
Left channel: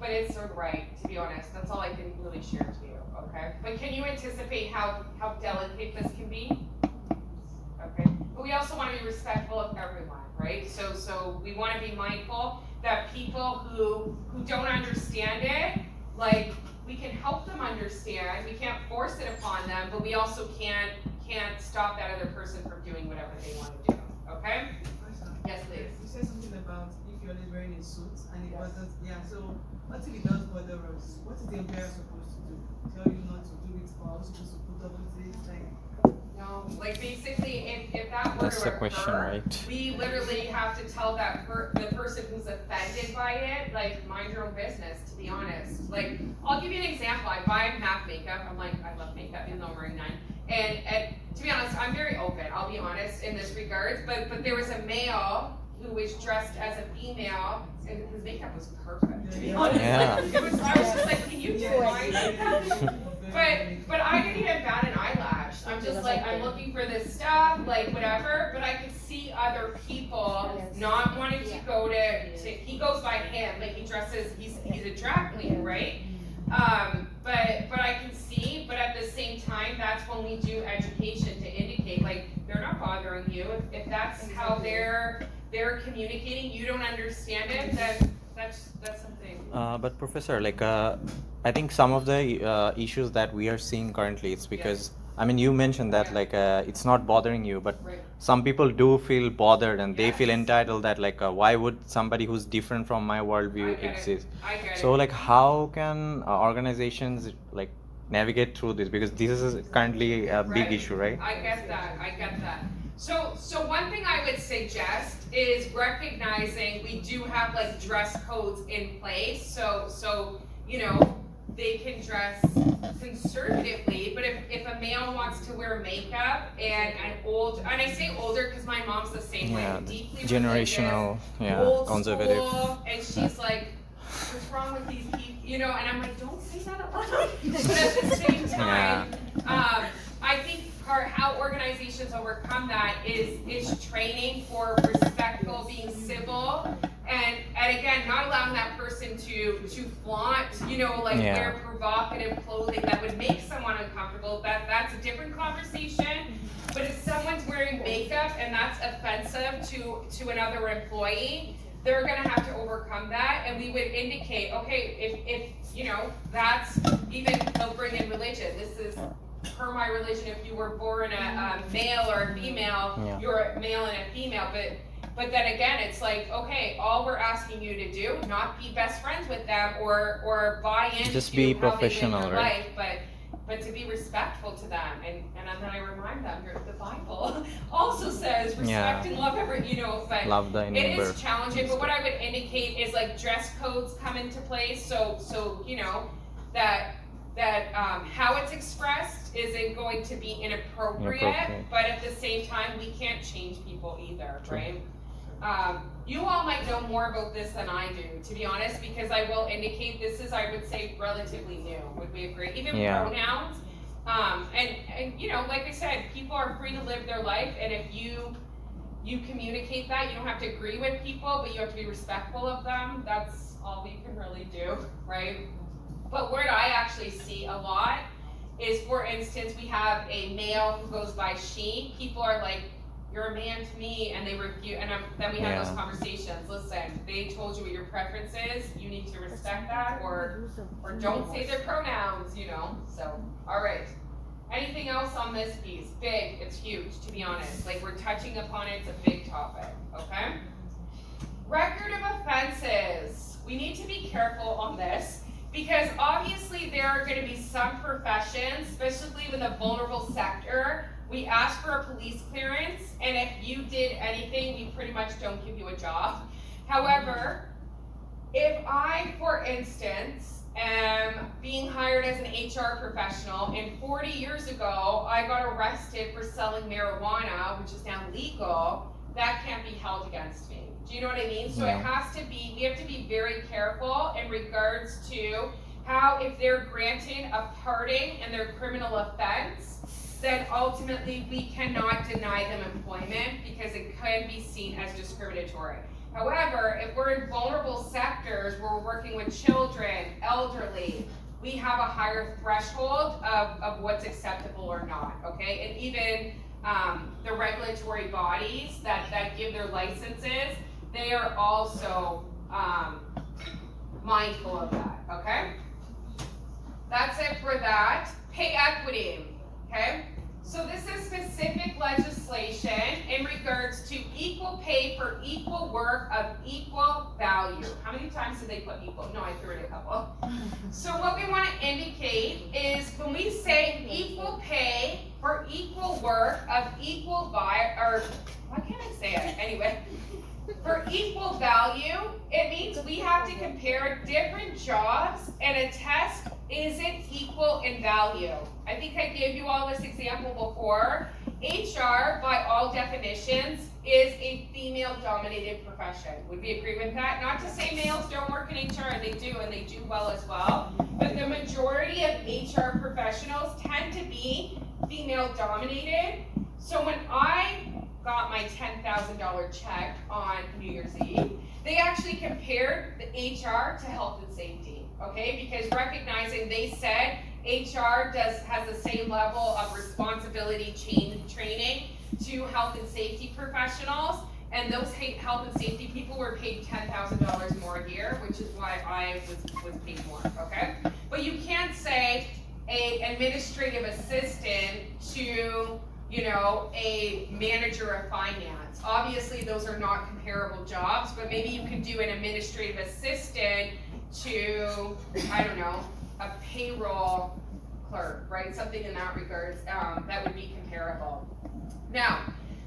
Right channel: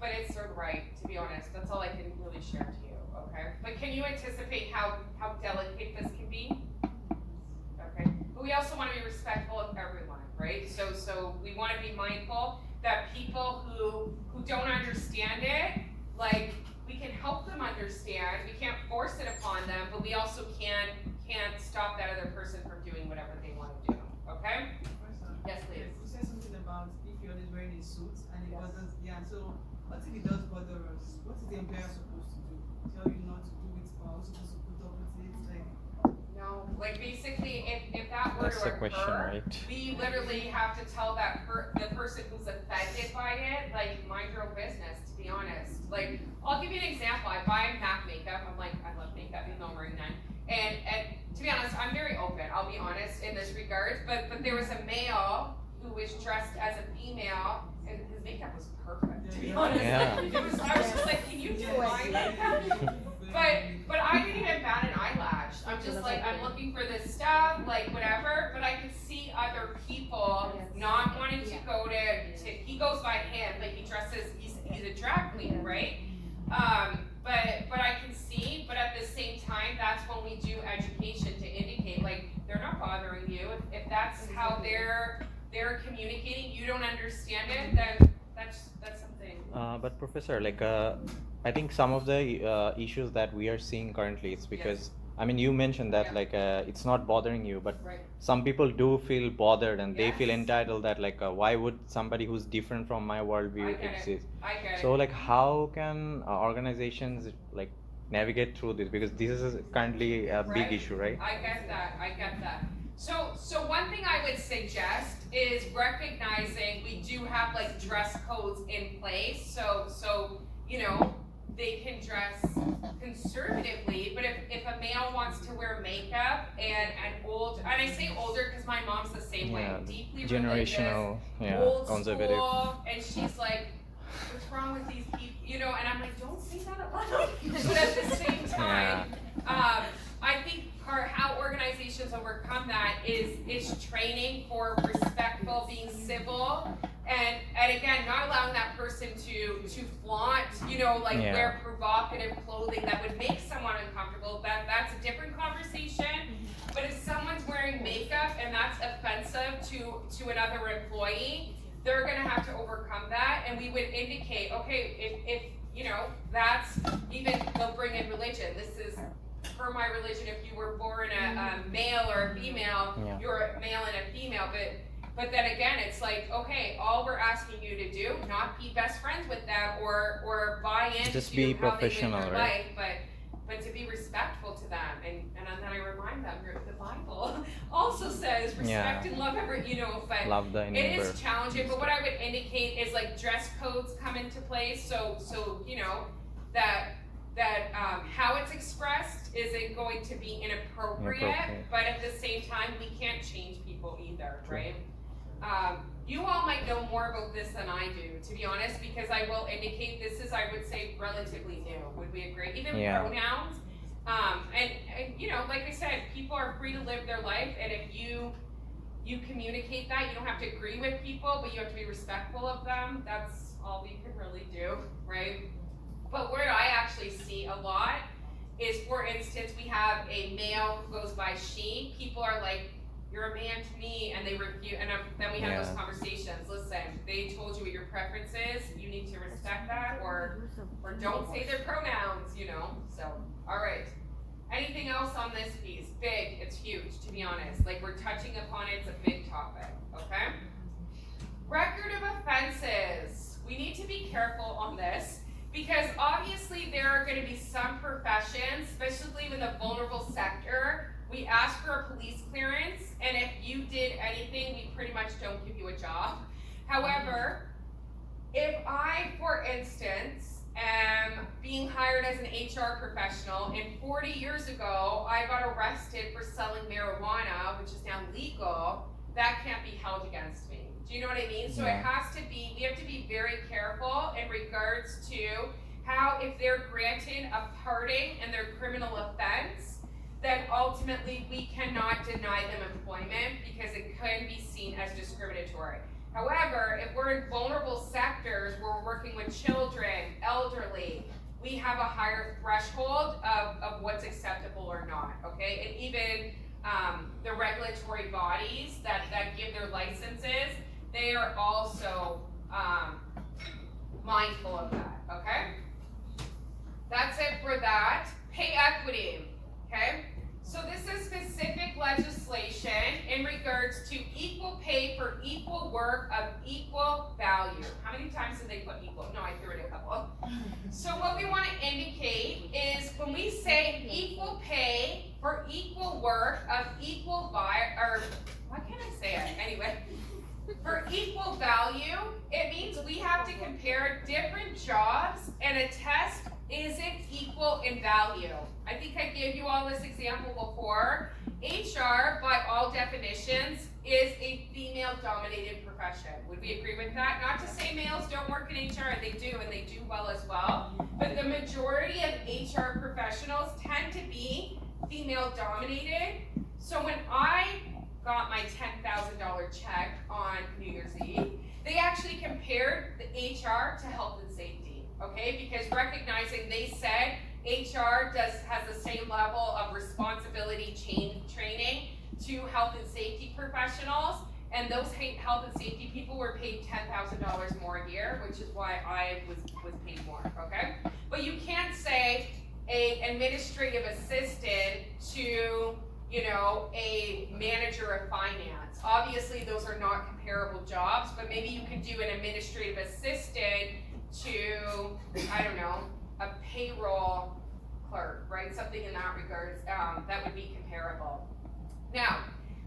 it's their right, to be honest. That's all I can really share to you, okay? But can you anticipate how delicate this can be? Okay. But we also want to be respectful of everyone, right? So we want to be mindful that people who don't understand it, like, we can help them understand. We can't force it upon them, but we also can't stop that other person from doing whatever they want to do. Okay? Yes, please. You said something about if you're always wearing a suit and it wasn't, so what if it does bother us? What is the employer supposed to do? Tell you not to do it, or supposed to put up with it? Like, no, like basically, if that were That's to the question, occur, right? we literally have to tell the person who's offended by it, like, mind your own business, to be honest. Like, I'll give you an example. I buy MAC makeup. I'm like, I love makeup, even though I'm wearing none. And to be honest, I'm very open. I'll be honest in this regards. But there was a male who was dressed as a female, and his makeup was perfect. To be honest, Yeah. I was just like, can you do my makeup? But I didn't even bat an eyelash. I'm just like, I'm looking for this stuff, like whatever. But I could see other people not wanting to go to he goes by him, but he dresses. He's a drag queen, right? But I can see. But at the same time, that's when we do education to indicate, like, they're not bothering you. If that's how they're communicating, you don't understand it, then that's something. But Professor, like, I think some of the issues that we are seeing currently, it's because, I mean, you mentioned that, like, it's not bothering you, but Right. some people do feel bothered and they feel Yes. entitled that, like, why would somebody who's different from my worldview I get it. exist? I get So, it. like, how can organizations, like, navigate through this? Because this is currently a big Right. issue, right? I get that. So one thing I would suggest is recognizing we do have like dress codes in place. So you know, they can dress conservatively, but if a male wants to wear makeup and I say older because my mom's the same way, deeply Generational, old conservative. school, and she's like, what's wrong with these people? You know, and I'm like, don't say that out loud. But at the same time, I think how organizations overcome that is training for respectful, being civil, and again, not allowing that person to flaunt, you know, like wear provocative clothing that would make someone uncomfortable. That's a different conversation. But if someone's wearing makeup and that's offensive to another employee, they're gonna have to overcome that, and we would indicate, okay, if you know, that's even, they'll bring in religion. This is per my religion. If you were born a male or a female, you're a male and a female. But then again, it's like, okay, all we're asking you to do, not be best friends with them or buy into Just be how they live professional, their right? life, but to be respectful to them, and then I remind them, the Bible also says respect and love every, you know, but love thy it neighbor. is challenging. But what I would indicate is like dress codes come into place, so you know that how it's expressed isn't going to be inappropriate, but at the same time we can't change people either, right? You all might know more about this than I do, to be honest, because I will indicate this is, I would say, relatively new. Would we agree? Even pronouns. And you know, like I said, people are free to live their life, and if you communicate that. You don't have to agree with people, but you have to be respectful of them. That's all you can really do, right? But what I actually see a lot is, for instance, we have a male who goes by she. People are like, you're a man to me, and they review, and then we have those conversations. Listen, they told you what your preference is. You need to respect that, or don't say their pronouns, you know. So, all right. Anything else on this piece? Big. It's huge, to be honest. Like, we're touching upon it. It's a big topic. Okay. Record of offenses. We need to be careful on this, because obviously there are going to be some professions, especially in the vulnerable sector, we ask for a police clearance, and if you did anything, we pretty much don't give you a job. However, if I, for instance, am being hired as an HR professional, and 40 years ago, I got arrested for selling marijuana, which is now legal, that can't be held against me. Do you know what I mean? So Yeah. it has to be, we have to be very careful in regards to how, if they're granted a pardon in their criminal offense, then ultimately we cannot deny them employment because it can be seen as discriminatory. However, if we're in vulnerable sectors where we're working with children, elderly, we have a higher threshold of what's acceptable or not, okay? And even the regulatory bodies that give their licenses, they are also mindful of that, okay? That's it for that. Pay equity, okay? So this is specific legislation in regards to equal pay for equal work of equal value. How many times did they put equal? No, I threw in a couple. So what we want to indicate is when we say equal pay for equal work of equal or why can't I say it? Anyway, for equal value, it means we have to compare different jobs and attest, is it equal in value? I think I gave you all this example before. HR, by all definitions, is a female-dominated profession. Would we agree with that? Not to say males don't work in HR, they do, and they do well as well. But the majority of HR professionals tend to be female-dominated. So when I got my $10,000 check on New Year's Eve, they actually compared the HR to health and safety, okay? Because recognizing they said HR has the same level of responsibility training to health and safety professionals, and those health and safety people were paid $10,000 more a year, which is why I was paid more, okay? But you can't say a administrative assistant to, you know, a manager of finance. Obviously, those are not comparable jobs, but maybe you could do an administrative assistant to, I don't know, a payroll clerk, right? Something in that regards, that would be comparable. Now,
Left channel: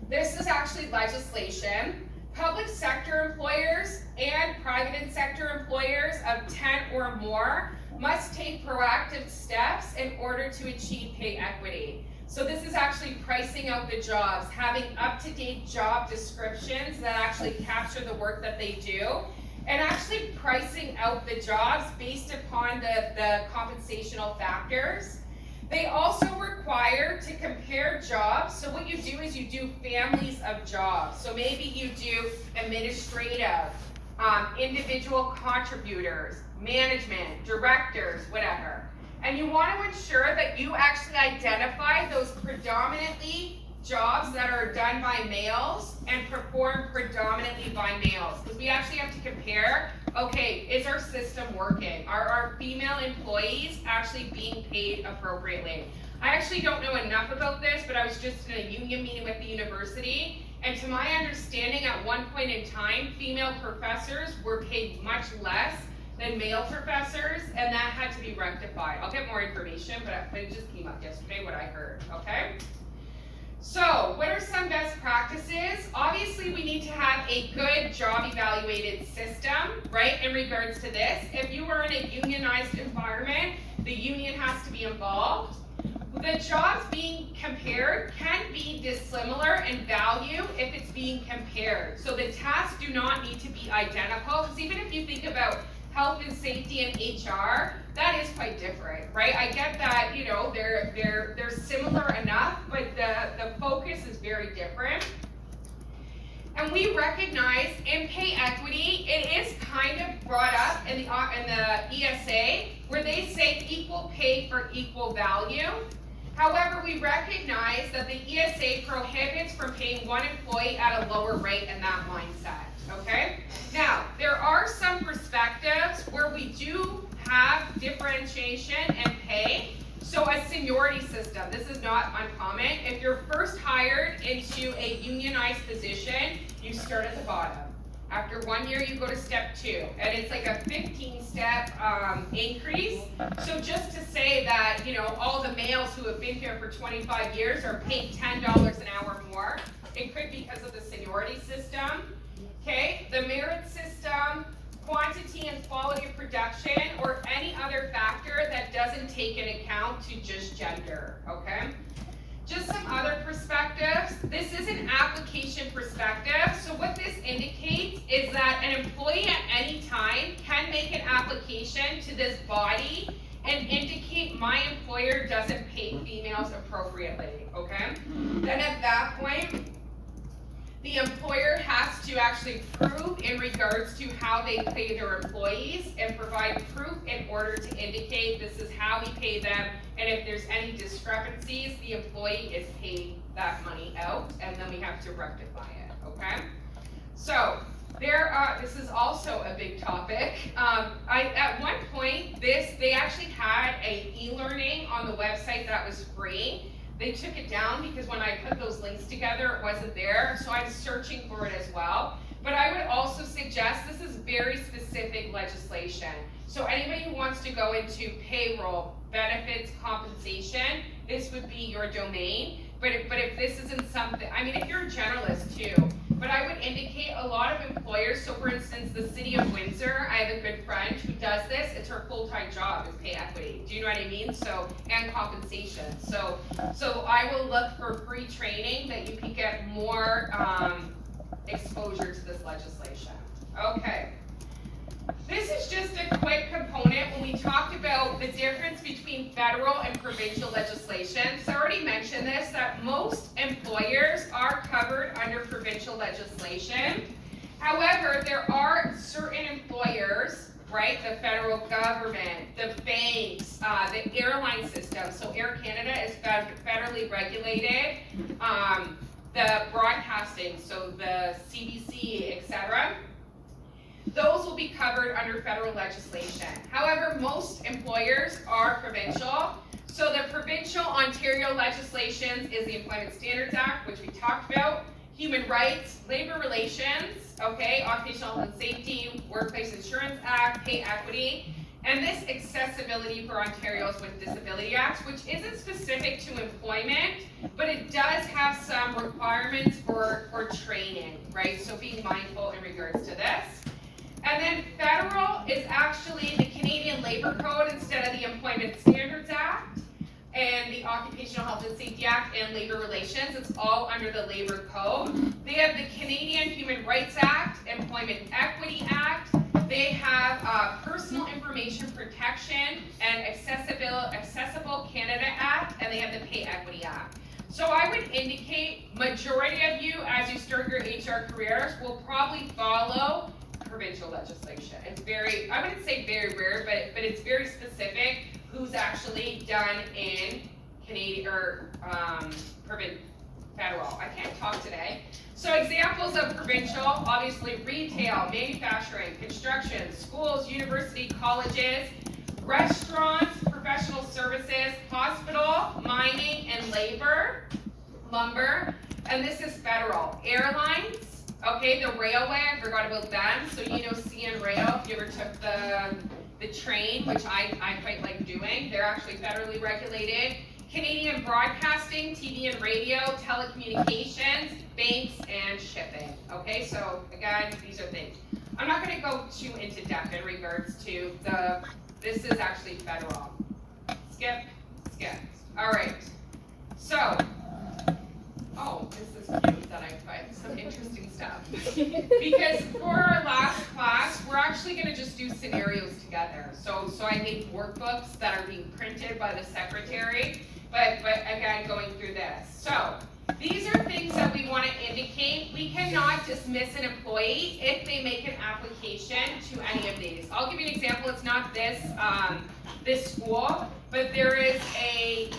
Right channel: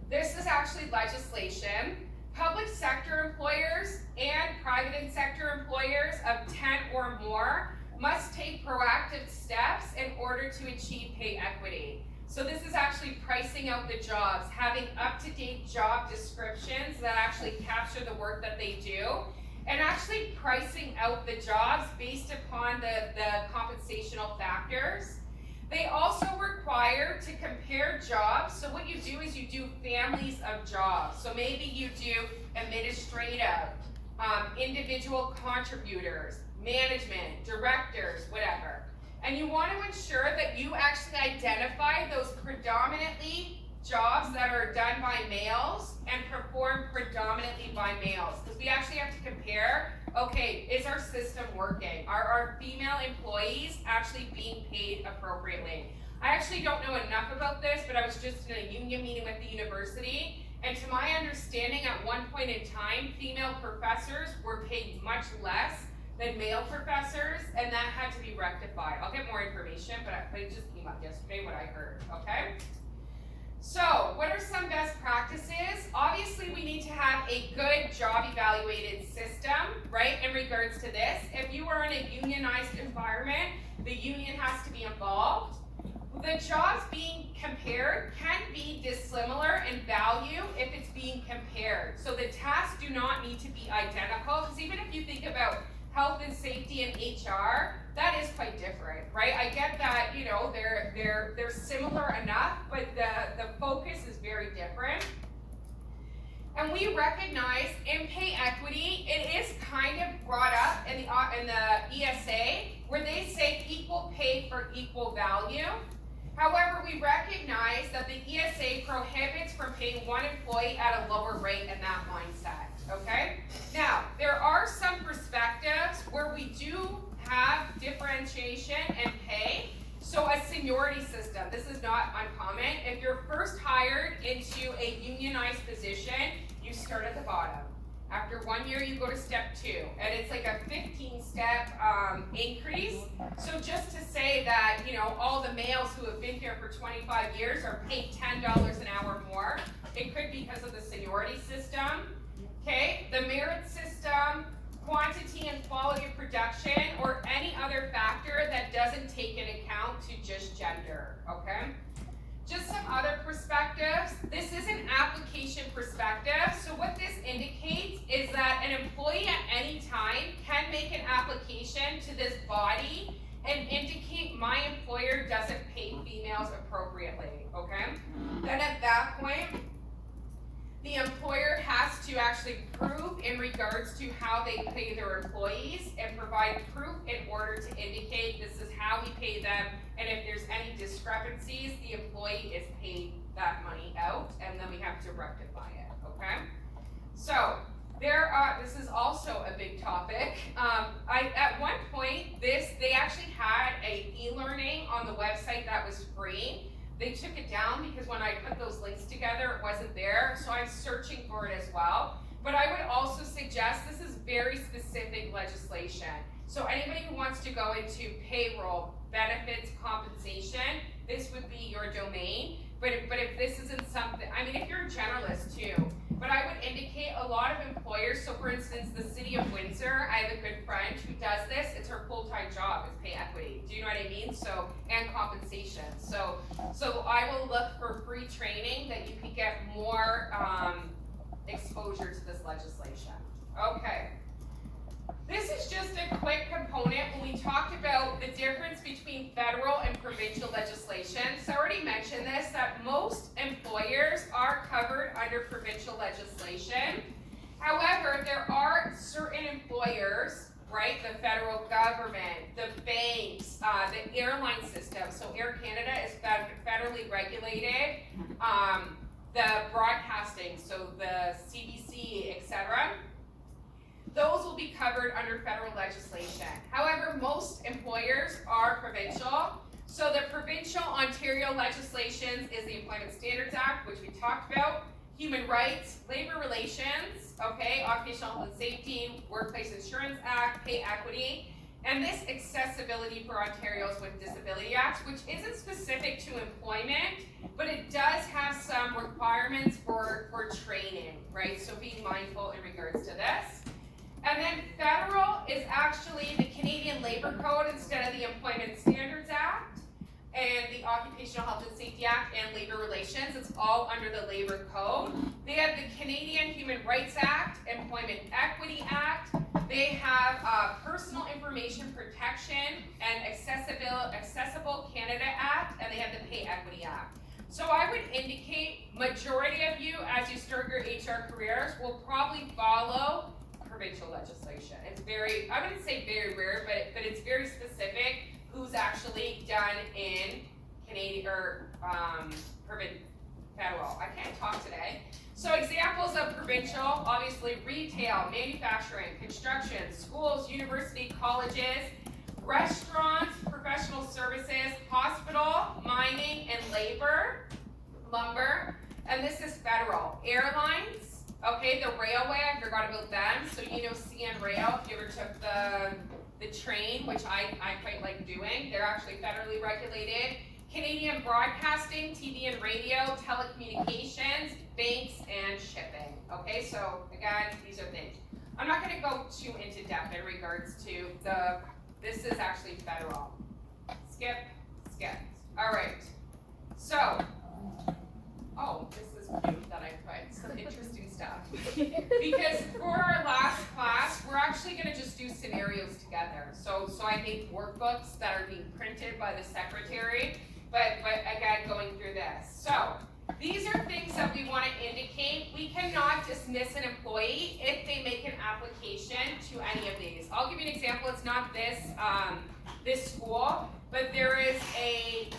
this is actually legislation. Public sector employers and private sector employers of 10 or more must take proactive steps in order to achieve pay equity. So this is actually pricing out the jobs, having up-to-date job descriptions that actually capture the work that they do, and actually pricing out the jobs based upon the compensational factors. They also require to compare jobs. So what you do is you do families of jobs. So maybe you do administrative, individual contributors, management, directors, whatever. And you want to ensure that you actually identify those predominantly jobs that are done by males and performed predominantly by males. Because we actually have to compare, okay, is our system working? Are our female employees actually being paid appropriately? I actually don't know enough about this, but I was just in a union meeting with the university, and to my understanding, at one point in time, female professors were paid much less than male professors, and that had to be rectified. I'll get more information, but it just came up yesterday, what I heard, okay? So, what are some best practices? Obviously, we need to have a good job evaluated system, right, in regards to this. If you are in a unionized environment, the union has to be involved. The jobs being compared can be dissimilar in value if it's being compared. So the tasks do not need to be identical, because even if you think about health and safety and HR, that is quite different, right? I get that, you know, they're similar enough, but the focus is very different. And we recognize in pay equity, it is kind of brought up in the ESA, where they say equal pay for equal value. However, we recognize that the ESA prohibits from paying one employee at a lower rate in that mindset, okay? Now, there are some perspectives where we do have differentiation in pay. So a seniority system, this is not uncommon. If you're first hired into a unionized position, you start at the bottom. After 1 year, you go to step 2, and it's like a 15-step increase. So just to say that, you know, all the males who have been here for 25 years are paid $10 an hour more, it could be because of the seniority system. Okay, the merit system, quantity and quality of production, or any other factor that doesn't take into account to just gender, okay? Just some other perspectives. This is an application perspective. So what this indicates is that an employee at any time can make an application to this body and indicate my employer doesn't pay females appropriately, okay? Then at that point, the employer has to actually prove in regards to how they pay their employees and provide proof in order to indicate this is how we pay them, and if there's any discrepancies, the employee is paid that money out, and then we have to rectify it, okay? So, this is also a big topic. At one point, they actually had a e-learning on the website that was free. They took it down because when I put those links together, it wasn't there, so I'm searching for it as well. But I would also suggest this is very specific legislation. So anybody who wants to go into payroll, benefits, compensation, this would be your domain. But if this isn't something, I mean, if you're a generalist too, but I would indicate a lot of employers, so for instance, the city of Windsor, I have a good friend who does this, it's her full-time job, is pay equity. Do you know what I mean? So, and compensation. So I will look for free training that you can get more exposure to this legislation. Okay. This is just a quick component when we talked about the difference between federal and provincial legislation. So I already mentioned this, that most employers are covered under provincial legislation. However, there are certain employers, right, the federal government, the banks, the airline system. So Air Canada is federally regulated. The broadcasting, so the CBC, etc. Those will be covered under federal legislation. However, most employers are provincial. So the provincial Ontario legislation is the Employment Standards Act, which we talked about, Human Rights, Labor Relations, okay, Occupational Health and Safety, Workplace Insurance Act, Pay Equity, and this Accessibility for Ontarians with Disability Act, which isn't specific to employment, but it does have some requirements for training, right? So be mindful in regards to this. And then federal is actually the Canadian Labor Code instead of the Employment Standards Act and the Occupational Health and Safety Act and Labor Relations. It's all under the Labor Code. They have the Canadian Human Rights Act, Employment Equity Act. They have Personal Information Protection and Accessible Canada Act, and they have the Pay Equity Act. So I would indicate majority of you, as you start your HR careers, will probably follow provincial legislation. It's very, I wouldn't say very rare, but it's very specific who's actually done in Canadian or federal. I can't talk today. So examples of provincial, obviously retail, manufacturing, construction, schools, university, colleges, restaurants, professional services, hospital, mining and labor, lumber, and this is federal. Airlines, okay, the railway, I forgot about them. So you know CN Rail, if you ever took the train, which I quite like doing, they're actually federally regulated. Canadian broadcasting, TV and radio, telecommunications, banks, and shipping. Okay, so again, these are things. I'm not gonna go too into depth in regards to this is actually federal. Skip. All right, so, oh, this is cute that I put some interesting stuff. Because for our last class, we're actually gonna just do scenarios together. So I made workbooks that are being printed by the secretary, but again, going through this. So, these are things that we wanna indicate. We can cannot dismiss an employee if they make an application to any of these. I'll give you an example. It's not this school, but there is a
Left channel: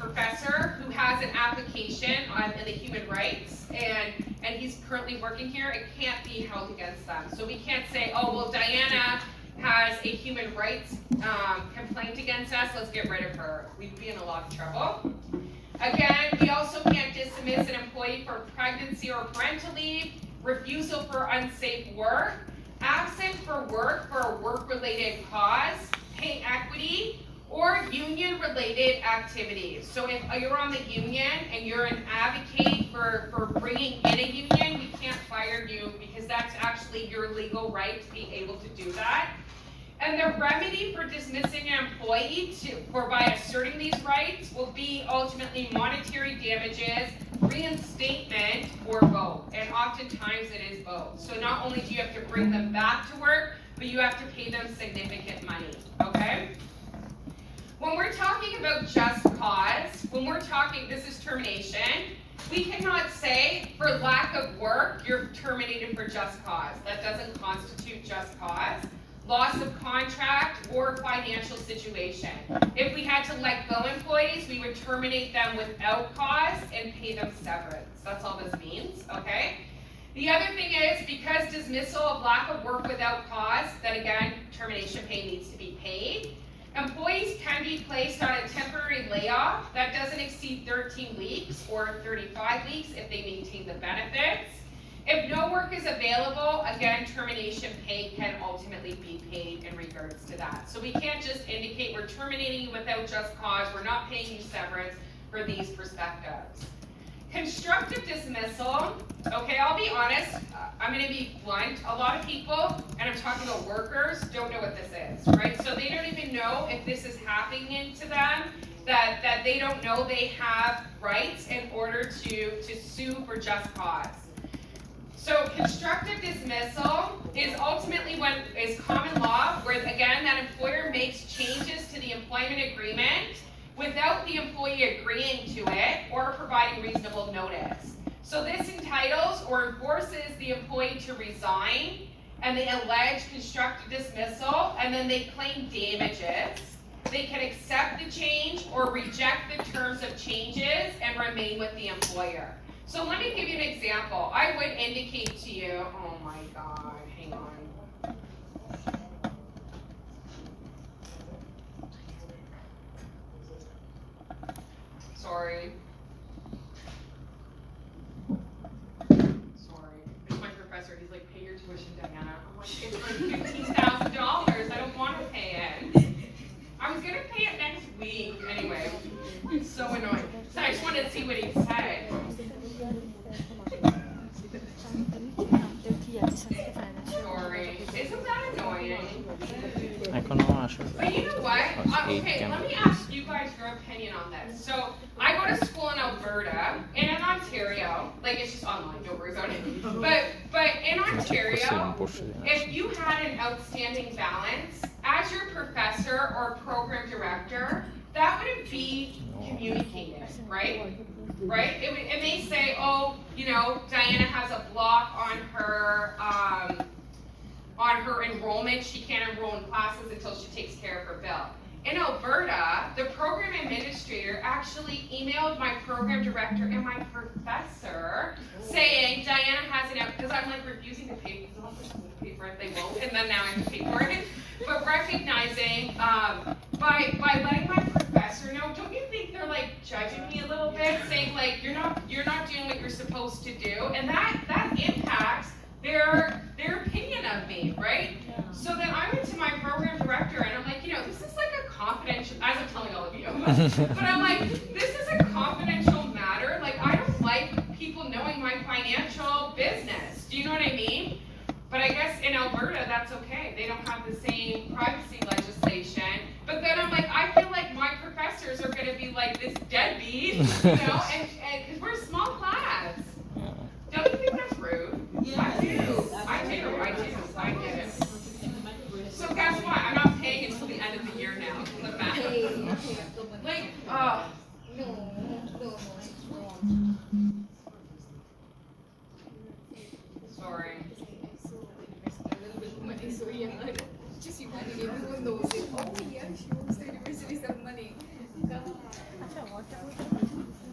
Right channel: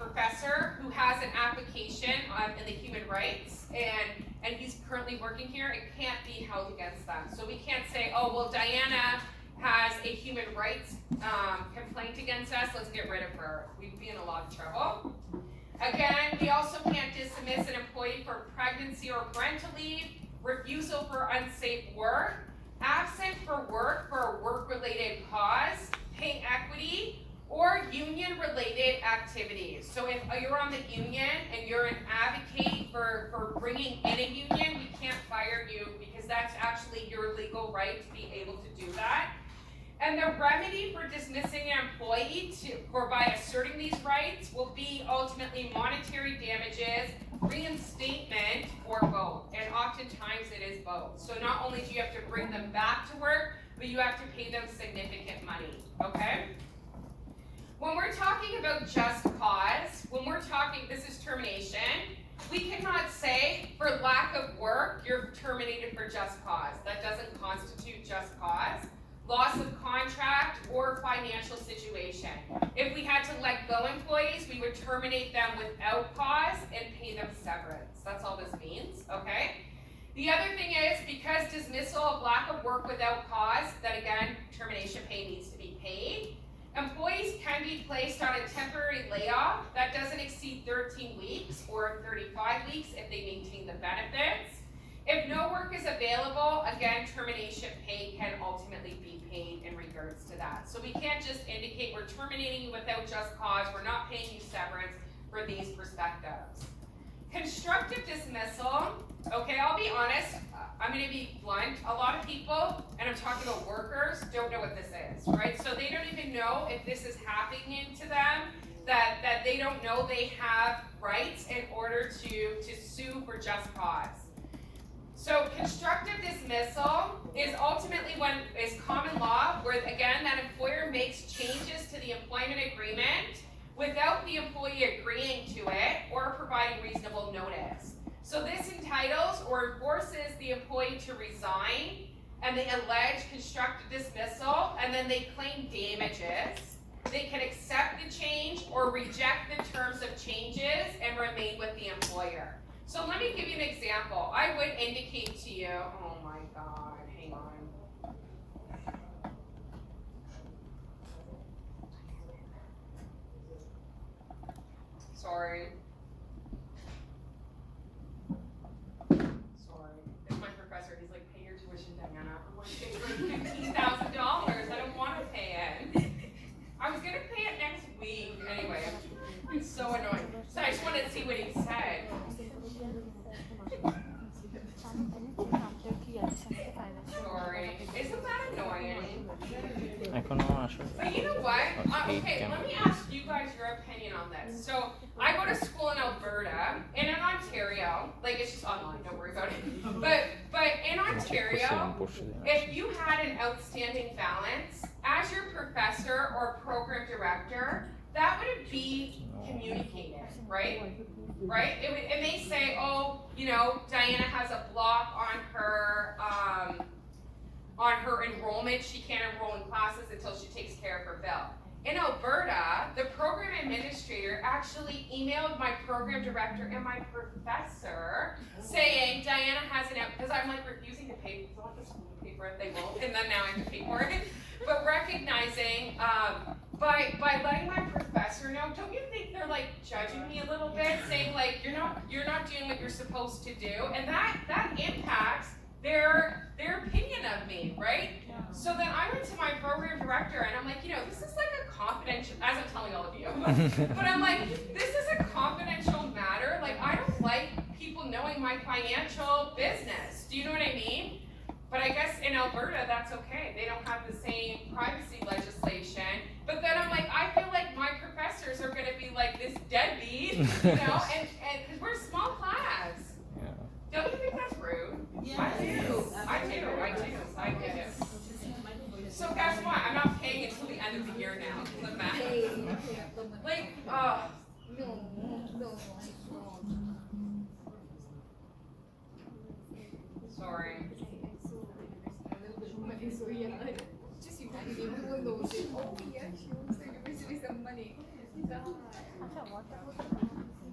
professor who has an application in the human rights, and he's currently working here. It can't be held against them. So we can't say, oh, well, Diana has a human rights complaint against us, let's get rid of her. We'd be in a lot of trouble. Again, we also can't dismiss an employee for pregnancy or parental leave, refusal for unsafe work, absent for work for a work-related cause, pay equity, or union-related activities. So if you're on the union and you're an advocate for bringing in a union, we can't fire you because that's actually your legal right to be able to do that. And the remedy for dismissing an employee by asserting these rights will be ultimately monetary damages, reinstatement, or both. And oftentimes it is both. So not only do you have to bring them back to work, but you have to pay them significant money, okay? When we're talking about just cause, when we're talking, this is termination, we cannot say for lack of work, you're terminated for just cause. That doesn't constitute just cause. Loss of contract or financial situation. If we had to let go employees, we would terminate them without cause and pay them severance. That's all this means, okay? The other thing is, because dismissal of lack of work without cause, then again, termination pay needs to be paid. Employees can be placed on a temporary layoff that doesn't exceed 13 weeks or 35 weeks if they maintain the benefits. If no work is available, again, termination pay can ultimately be paid in regards to that. So we can't just indicate we're terminating you without just cause, we're not paying you severance for these perspectives. Constructive dismissal, okay, I'll be honest, I'm gonna be blunt. A lot of people, and I'm talking about workers, don't know what this is, right? So they don't even know if this is happening to them, that they don't know they have rights in order to sue for just cause. So constructive dismissal is ultimately is common law, where again, that employer makes changes to the employment agreement without the employee agreeing to it or providing reasonable notice. So this entitles or forces the employee to resign, and they allege constructive dismissal, and then they claim damages. They can accept the change or reject the terms of changes and remain with the employer. So let me give you an example. I would indicate to you, oh my God, hang on. Sorry. It's my professor, he's like, pay your tuition, Diana. I'm like, it's for $15,000, I don't want to pay it. I was gonna pay it next week, anyway. It's so annoying. So I just wanted to see what he said. Sorry. Isn't that annoying? But you know what? Okay, let me ask you guys your opinion on this. So I go to school in Alberta and in Ontario, like it's just online, don't worry about it. But in Ontario, if you had an outstanding balance, as your professor or program director, that wouldn't be communicated, right? Right? It may say, oh, you know, Diana has a block on her enrollment. She can't enroll in classes until she takes care of her bill. In Alberta, the program administrator actually emailed my program director and my professor saying Diana has an out, because I'm like refusing to pay for it, they won't, and then now I have to pay for it. But recognizing, by letting my professor know, don't you think they're like judging me a little bit, saying like you're not doing what you're supposed to do, and that impacts their opinion of me, right? Yeah. So then I went to my program director and I'm like, you know, this is like a confidential, as I'm telling all of you, but I'm like, this is a confidential matter. Like I don't like people knowing my financial business. Do you know what I mean? But I guess in Alberta, that's okay. They don't have the same privacy legislation. But then I'm like, I feel like my professors are gonna be like this deadbeat, you know, and because we're a small class. Don't you think that's rude? Yeah. I do. I get it. So guess what? I'm not paying until the end of the year now. The math. Like, oh. No. She owes the university some money.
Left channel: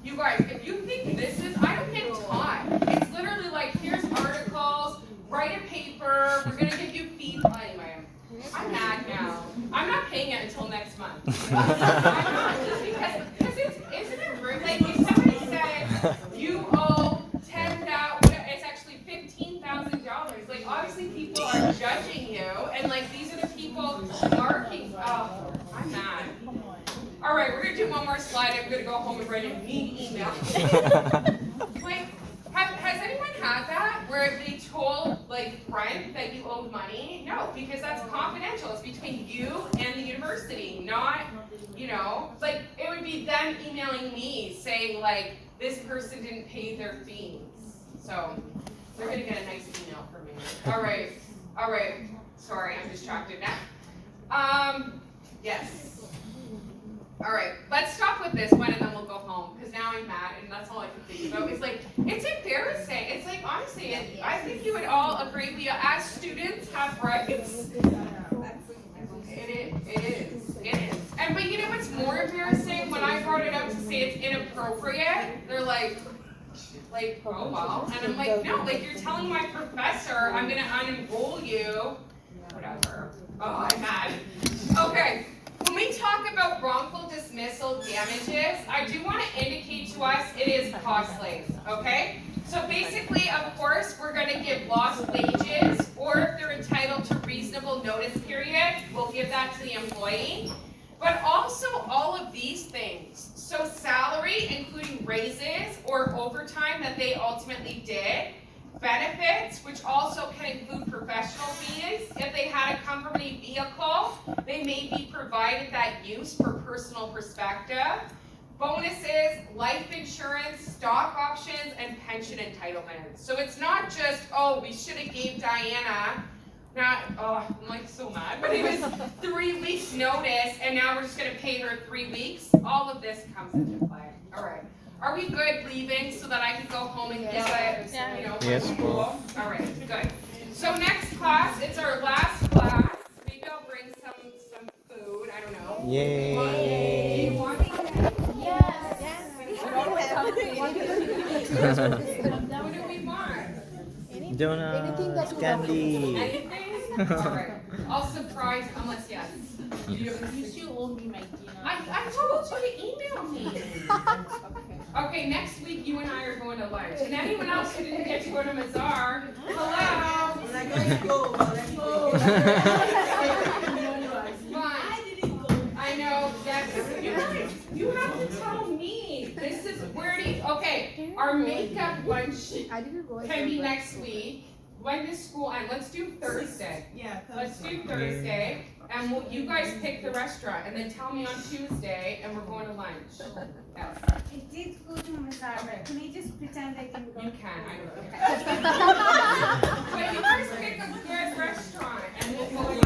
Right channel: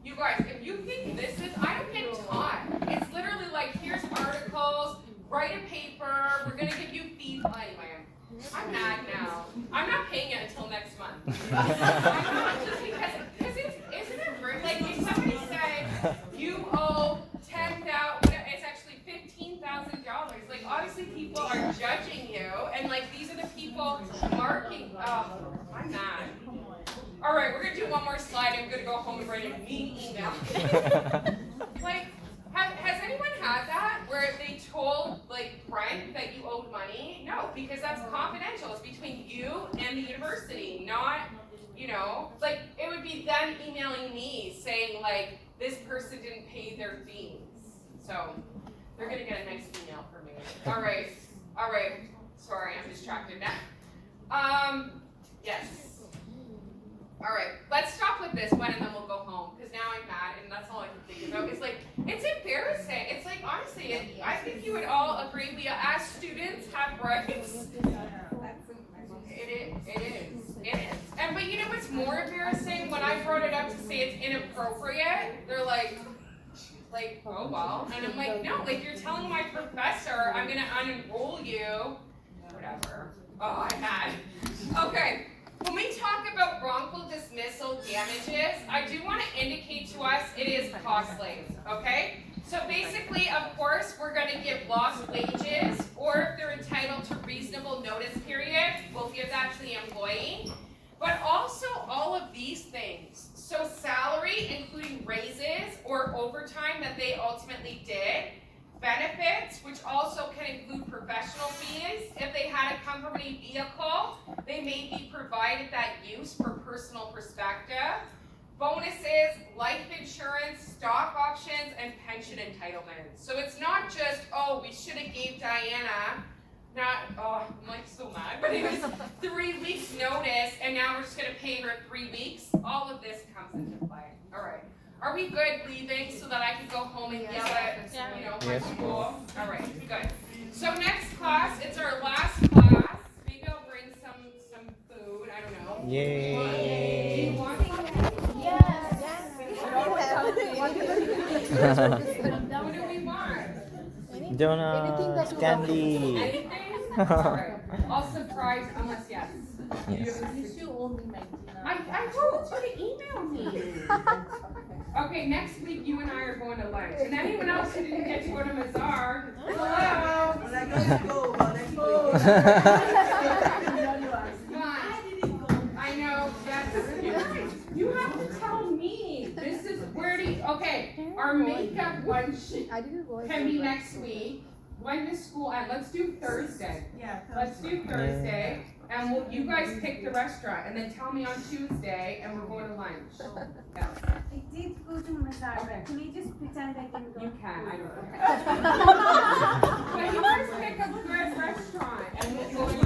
You guys, if you think this is, I don't get taught. It's literally like, here's articles, write a paper, we're gonna give you feedback. Anyway, I'm mad now. I'm not paying it until next month. I'm not, just because isn't it rude? Like, if somebody said, you owe $10,000, it's actually $15,000. Like, obviously people are judging you, and like, these are the people marking, oh, I'm mad. All right, we're gonna do one more slide. I'm gonna go home and write a neat email. Like, has anyone had that where they told like Brent that you owed money? No, because that's confidential. It's between you and the university, not, you know, like it would be them emailing me saying like this person didn't pay their fees. So they're gonna get a nice email from me. All right. Sorry, I'm distracted now. Yes. All right, let's stop with this one and then we'll go home because now I'm mad and that's all I can think about. It's like, it's embarrassing. It's like, honestly, I think you would all agree we as students have rights. It is. And but you know what's more embarrassing? When I brought it up to say it's inappropriate, they're like, oh well. And I'm like, no, like you're telling my professor I'm gonna unenroll you. Whatever. Oh, I'm mad. Okay. When we talk about wrongful dismissal damages, I do want to indicate to us it is costly, okay? So basically, of course, we're going to give lost wages, or if they're entitled to reasonable notice period, we'll give that to the employee. But also all of these things, so salary, including raises or overtime that they ultimately did, benefits, which also can include professional fees. If they had a company vehicle, they may be provided that use for personal perspective. Bonuses, life insurance, stock options, and pension entitlements. So it's not just, oh, we should have gave Diana, I'm like so mad, but it was 3 weeks notice, and now we're just gonna pay her 3 weeks. All of this comes into play. All right. Are we good leaving so that I can go home and get it, you know, Yes, cool? All right, good. So next class, it's our last class. Maybe I'll bring some food, I don't know. Yay. Do you want it? What do we want? Donuts, candy. Anything? All right. I'll surprise, unless yes. Yes. You owe me my dinner. I told you to email me. Okay, next week you and I are going to lunch. And anyone else who didn't get to go to Mazar, hello. When I got to go, let's go. I know, yes. You have to tell me. This is where do you, okay, our makeup lunch can be next week. When does school end? Let's do Thursday. Yeah, Let's do Thursday, and you guys pick the restaurant, and then tell me on Tuesday, and we're going to lunch. Yeah. I did go to Mazar, Okay. can you just pretend I didn't go? You can, I don't care. But you guys pick a good restaurant, and we'll go